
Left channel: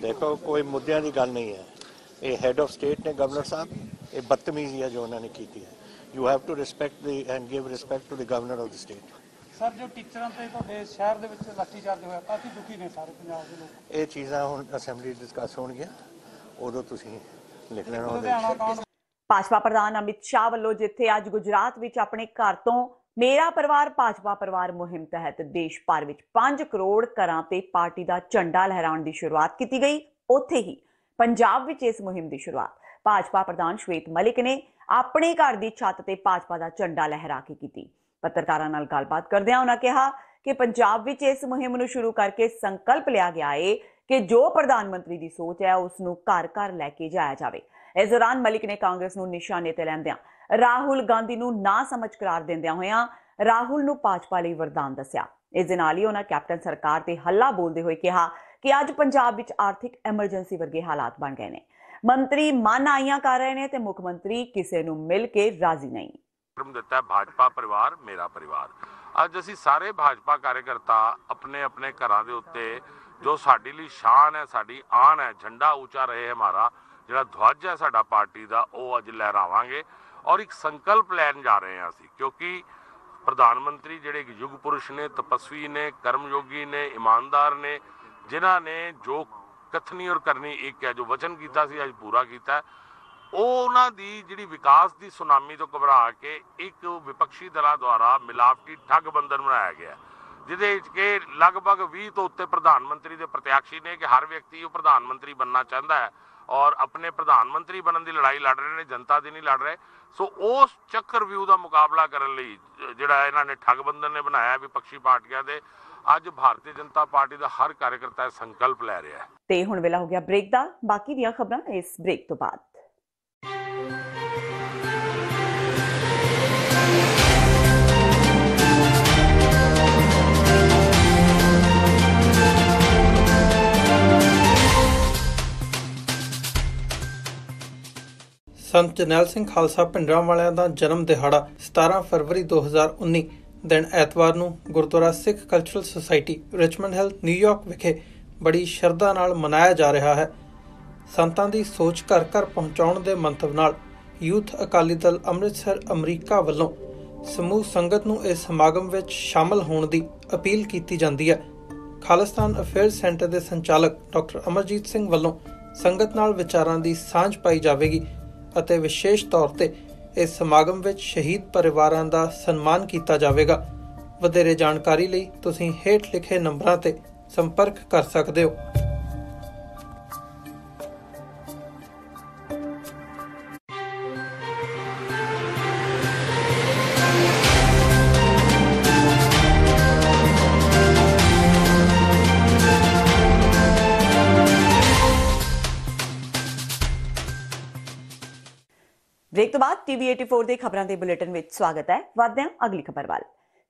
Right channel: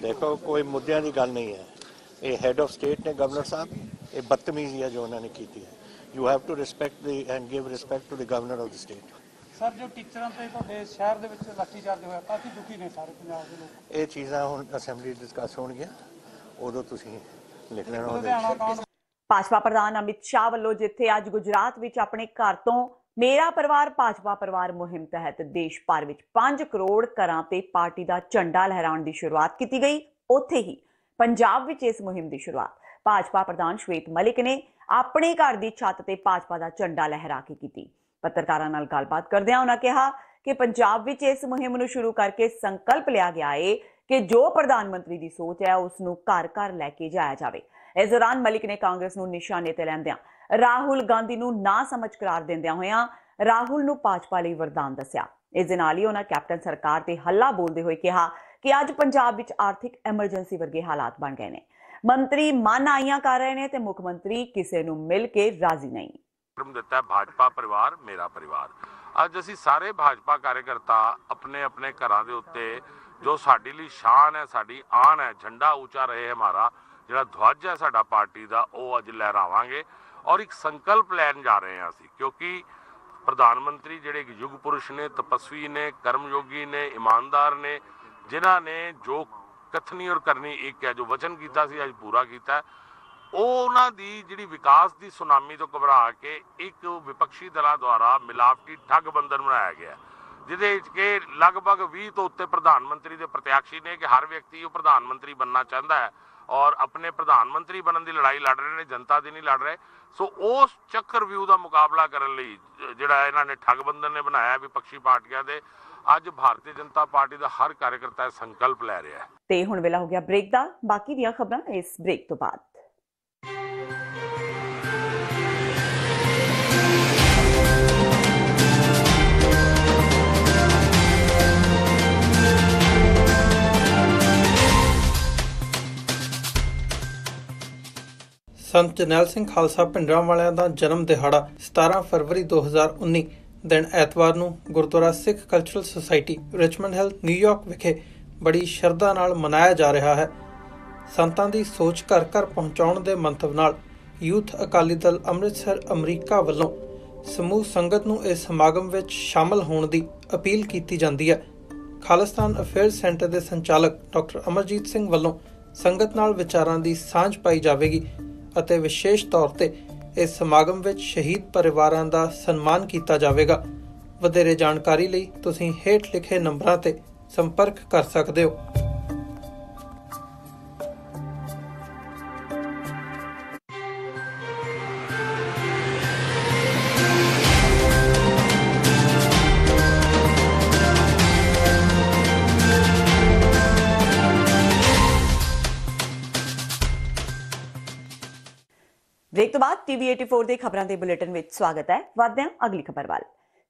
ਦੇਖੋ, ਕੋਈ ਮੁੱਦਿਆਂ ਦੀ ਗੱਲ ਨਹੀਂ ਹੈ। ਇਹ ਹੈਡ ਆਫ ਸਟੇਟ ਨੇ ਗਵਰਨਰ ਸਾਹਿਬ, ਇਹ ਬਦਤਮੀਜ਼ੀ ਹੈ ਜੋ ਉਹਨਾਂ ਨੇ ਕੀਤੀ ਹੈ। You have to respect and give respect to the governor of the state. Sir, ਜੋ ਟੀਚਰਾਂ ਤੇ ਤੁਹਾਡੇ ਸ਼ਹਿਰ ਦੇ ਵਿੱਚ ਲਾਠੀ ਚਾਰਜ ਹੋਇਆ, ਕਾਫੀ ਦੁਖੀ ਨੇ ਸਾਰੇ ਪੰਜਾਬ ਦੇ ਲੋਕ। ਇਹ ਚੀਜ਼ਾਂ ਹੁਣ ਅਸੈਂਬਲੀ ਡਿਸਕਸ ਹੋਣਗੀਆਂ, ਉਦੋਂ ਤੁਸੀਂ ਲਿਖ ਲੈਣਾ ਉਹਦੇ ਵਿੱਚ। ਭਾਜਪਾ ਪ੍ਰਧਾਨ ਅਮਿਤ ਸ਼ਾਹ ਵੱਲੋਂ ਜਿੱਥੇ ਅੱਜ ਗੁਜਰਾਤ ਵਿੱਚ ਆਪਣੇ ਘਰ ਤੋਂ ਮੇਰਾ ਪਰਿਵਾਰ ਭਾਜਪਾ ਪਰਿਵਾਰ ਮੁਹਿੰਮ ਤਹਿਤ ਦੇਸ਼ ਭਰ ਵਿੱਚ 5 ਕਰੋੜ ਘਰਾਂ ਤੇ ਪਾਰਟੀ ਦਾ ਝੰਡਾ ਲਹਿਰਾਉਣ ਦੀ ਸ਼ੁਰੂਆਤ ਕੀਤੀ ਗਈ, ਉੱਥੇ ਹੀ ਪੰਜਾਬ ਵਿੱਚ ਇਸ ਮੁਹਿੰਮ ਦੀ ਸ਼ੁਰੂਆਤ ਭਾਜਪਾ ਪ੍ਰਧਾਨ ਸ਼ਵੇਤ ਮਲਿਕ ਨੇ ਆਪਣੇ ਘਰ ਦੀ ਛੱਤ ਤੇ ਭਾਜਪਾ ਦਾ ਝੰਡਾ ਲਹਿਰਾ ਕੇ ਕੀਤੀ। ਪੱਤਰਕਾਰਾਂ ਨਾਲ ਗੱਲਬਾਤ ਕਰਦਿਆਂ ਉਹਨਾਂ ਕਿਹਾ ਕਿ ਪੰਜਾਬ ਵਿੱਚ ਇਸ ਮੁਹਿੰਮ ਨੂੰ ਸ਼ੁਰੂ ਕਰਕੇ ਸੰਕਲਪ ਲਿਆ ਗਿਆ ਹੈ ਕਿ ਜੋ ਪ੍ਰਧਾਨ ਮੰਤਰੀ ਦੀ ਸੋਚ ਹੈ ਉਸ ਨੂੰ ਘਰ ਘਰ ਲੈ ਕੇ ਜਾਇਆ ਜਾਵੇ। ਇਸ ਦੌਰਾਨ ਮਲਿਕ ਨੇ ਕਾਂਗਰਸ ਨੂੰ ਨਿਸ਼ਾਨੇ ਤੇ ਲੈਂਦਿਆਂ ਰਾਹੁਲ ਗਾਂਧੀ ਨੂੰ ਨਾ ਸਮਝ ਕਰਾਰ ਦਿੰਦਿਆਂ ਹੋਇਆਂ ਰਾਹੁਲ ਨੂੰ ਭਾਜਪਾ ਲਈ ਵਰਦਾਨ ਦੱਸਿਆ। ਇਸ ਦੇ ਨਾਲ ਹੀ ਉਹਨਾਂ ਕੈਪਟਨ ਸਰਕਾਰ ਤੇ ਹੱਲਾ ਬੋਲਦੇ ਹੋਏ ਕਿਹਾ ਕਿ ਅੱਜ ਪੰਜਾਬ ਵਿੱਚ ਆਰਥਿਕ ਐਮਰਜੈਂਸੀ ਵਰਗੇ ਹਾਲਾਤ ਬਣ ਗਏ ਨੇ, ਮੰਤਰੀ ਮਨ ਆਈਆਂ ਕਰ ਰਹੇ ਨੇ ਤੇ ਮੁੱਖ ਮੰਤਰੀ ਕਿਸੇ ਨੂੰ ਮਿਲ ਕੇ ਰਾਜ਼ੀ ਨਹੀਂ। ਦਿੱਤਾ ਭਾਜਪਾ ਪਰਿਵਾਰ ਮੇਰਾ ਪਰਿਵਾਰ। ਅੱਜ ਅਸੀਂ ਸਾਰੇ ਭਾਜਪਾ ਕਾਰਜਕਰਤਾ ਆਪਣੇ ਆਪਣੇ ਘਰਾਂ ਦੇ ਉੱਤੇ ਜੋ ਸਾਡੀ ਲਈ ਸ਼ਾਨ ਹੈ, ਸਾਡੀ ਆਨ ਹੈ, ਝੰਡਾ ਉੱਚਾ ਰਹੇ ਹਮਾਰਾ ਜਿਹੜਾ ਧਵਜ ਹੈ ਸਾਡਾ ਪਾਰਟੀ ਦਾ, ਉਹ ਅੱਜ ਲਹਿਰਾਵਾਂਗੇ ਔਰ ਇੱਕ ਸੰਕਲਪ ਲੈਣ ਜਾ ਰਹੇ ਹਾਂ ਅਸੀਂ, ਕਿਉਂਕਿ ਪ੍ਰਧਾਨ ਮੰਤਰੀ ਜਿਹੜੇ ਇੱਕ ਯੁਗ ਪੁਰਸ਼ ਨੇ, ਤਪਸਵੀ ਨੇ, ਕਰਮਯੋਗੀ ਨੇ, ਇਮਾਨਦਾਰ ਨੇ, ਜਿਨ੍ਹਾਂ ਨੇ ਜੋ ਕਥਨੀ ਔਰ ਕਰਨੀ ਇੱਕ ਹੈ, ਜੋ ਵਚਨ ਕੀਤਾ ਸੀ ਅੱਜ ਪੂਰਾ ਕੀਤਾ। ਉਹਨਾਂ ਦੀ ਜਿਹੜੀ ਵਿਕਾਸ ਦੀ ਸੁਨਾਮੀ ਤੋਂ ਘਬਰਾ ਕੇ ਇੱਕ ਵਿਪਕਸ਼ੀ ਦਲਾਂ ਦੁਆਰਾ ਮਿਲਾਵਟੀ ਠੱਗ ਬੰਧਨ ਬਣਾਇਆ ਗਿਆ, ਜਿਹਦੇ ਵਿੱਚ ਕਿ ਲਗਭਗ 20 ਤੋਂ ਉੱਤੇ ਪ੍ਰਧਾਨ ਮੰਤਰੀ ਦੇ ਪ੍ਰਤਿਆਸ਼ੀ ਨੇ ਕਿ ਹਰ ਵਿਅਕਤੀ ਉਹ ਪ੍ਰਧਾਨ ਮੰਤਰੀ ਬਣਨਾ ਚਾਹੁੰਦਾ ਹੈ ਔਰ ਆਪਣੇ ਪ੍ਰਧਾਨ ਮੰਤਰੀ ਬਣਨ ਦੀ ਲੜਾਈ ਲੜ ਰਹੇ ਨੇ, ਜਨਤਾ ਦੀ ਨਹੀਂ ਲੜ ਰਹੇ। ਸੋ ਉਸ ਚੱਕਰ ਵਿਊ ਦਾ ਮੁਕਾਬਲਾ ਕਰਨ ਲਈ ਜਿਹੜਾ ਇਹਨਾਂ ਨੇ ਠੱਗ ਬੰਧਨ ਨੇ ਬਣਾਇਆ ਵਿਪਕਸ਼ੀ ਪਾਰਟੀਆਂ ਦੇ, ਅੱਜ ਭਾਰਤੀ ਜਨਤਾ ਪਾਰਟੀ ਦਾ ਹਰ ਕਾਰਜਕਰਤਾ ਸੰਕਲਪ ਲੈ ਰਿਹਾ ਹੈ। ਤੇ ਹੁਣ ਵੇਲਾ ਹੋ ਗਿਆ ਬ੍ਰੇਕ ਦਾ। ਬਾਕੀ ਦੀਆਂ ਖਬਰਾਂ ਇਸ ਬ੍ਰੇਕ ਤੋਂ ਬਾਅਦ। ਸੰਤ ਜਰਨੈਲ ਸਿੰਘ ਖਾਲਸਾ ਭਿੰਡਰਾਂਵਾਲਿਆਂ ਦਾ ਜਨਮ ਦਿਹਾੜਾ 17 ਫਰਵਰੀ 2019 ਦਿਨ ਐਤਵਾਰ ਨੂੰ Gurdwara Sikh cultural society Richmond Hill New York ਵਿਖੇ ਬੜੀ ਸ਼ਰਧਾ ਨਾਲ ਮਨਾਇਆ ਜਾ ਰਿਹਾ ਹੈ। ਸੰਤਾਂ ਦੀ ਸੋਚ ਘਰ ਘਰ ਪਹੁੰਚਾਉਣ ਦੇ ਮੰਤਵ ਨਾਲ ਯੂਥ ਅਕਾਲੀ ਦਲ ਅੰਮ੍ਰਿਤਸਰ ਅਮਰੀਕਾ ਵੱਲੋਂ ਸਮੂਹ ਸੰਗਤ ਨੂੰ ਇਸ ਸਮਾਗਮ ਵਿੱਚ ਸ਼ਾਮਲ ਹੋਣ ਦੀ ਅਪੀਲ ਕੀਤੀ ਜਾਂਦੀ ਹੈ। ਖਾਲਿਸਤਾਨ ਅਫੇਅਰਜ਼ ਸੈਂਟਰ ਦੇ ਸੰਚਾਲਕ ਡਾਕਟਰ ਅਮਰਜੀਤ ਸਿੰਘ ਵੱਲੋਂ ਸੰਗਤ ਨਾਲ ਵਿਚਾਰਾਂ ਦੀ ਸਾਂਝ ਪਾਈ ਜਾਵੇਗੀ ਅਤੇ ਵਿਸ਼ੇਸ਼ ਤੌਰ ਤੇ ਇਸ ਸਮਾਗਮ ਵਿੱਚ ਸ਼ਹੀਦ ਪਰਿਵਾਰਾਂ ਦਾ ਸਨਮਾਨ ਕੀਤਾ ਜਾਵੇਗਾ। ਵਧੇਰੇ ਜਾਣਕਾਰੀ ਲਈ ਤੁਸੀਂ ਹੇਠ ਲਿਖੇ ਨੰਬਰਾਂ ਤੇ ਸੰਪਰਕ ਕਰ ਸਕਦੇ ਹੋ। ਬ੍ਰੇਕ ਤੋਂ ਬਾਅਦ ਟੀਵੀ 84 ਦੇ ਖਬਰਾਂ ਦੇ ਬੁਲੇਟਿਨ ਵਿੱਚ ਸਵਾਗਤ ਹੈ। ਵਧਦੇ ਹਾਂ ਅਗਲੀ ਖਬਰ ਵੱਲ।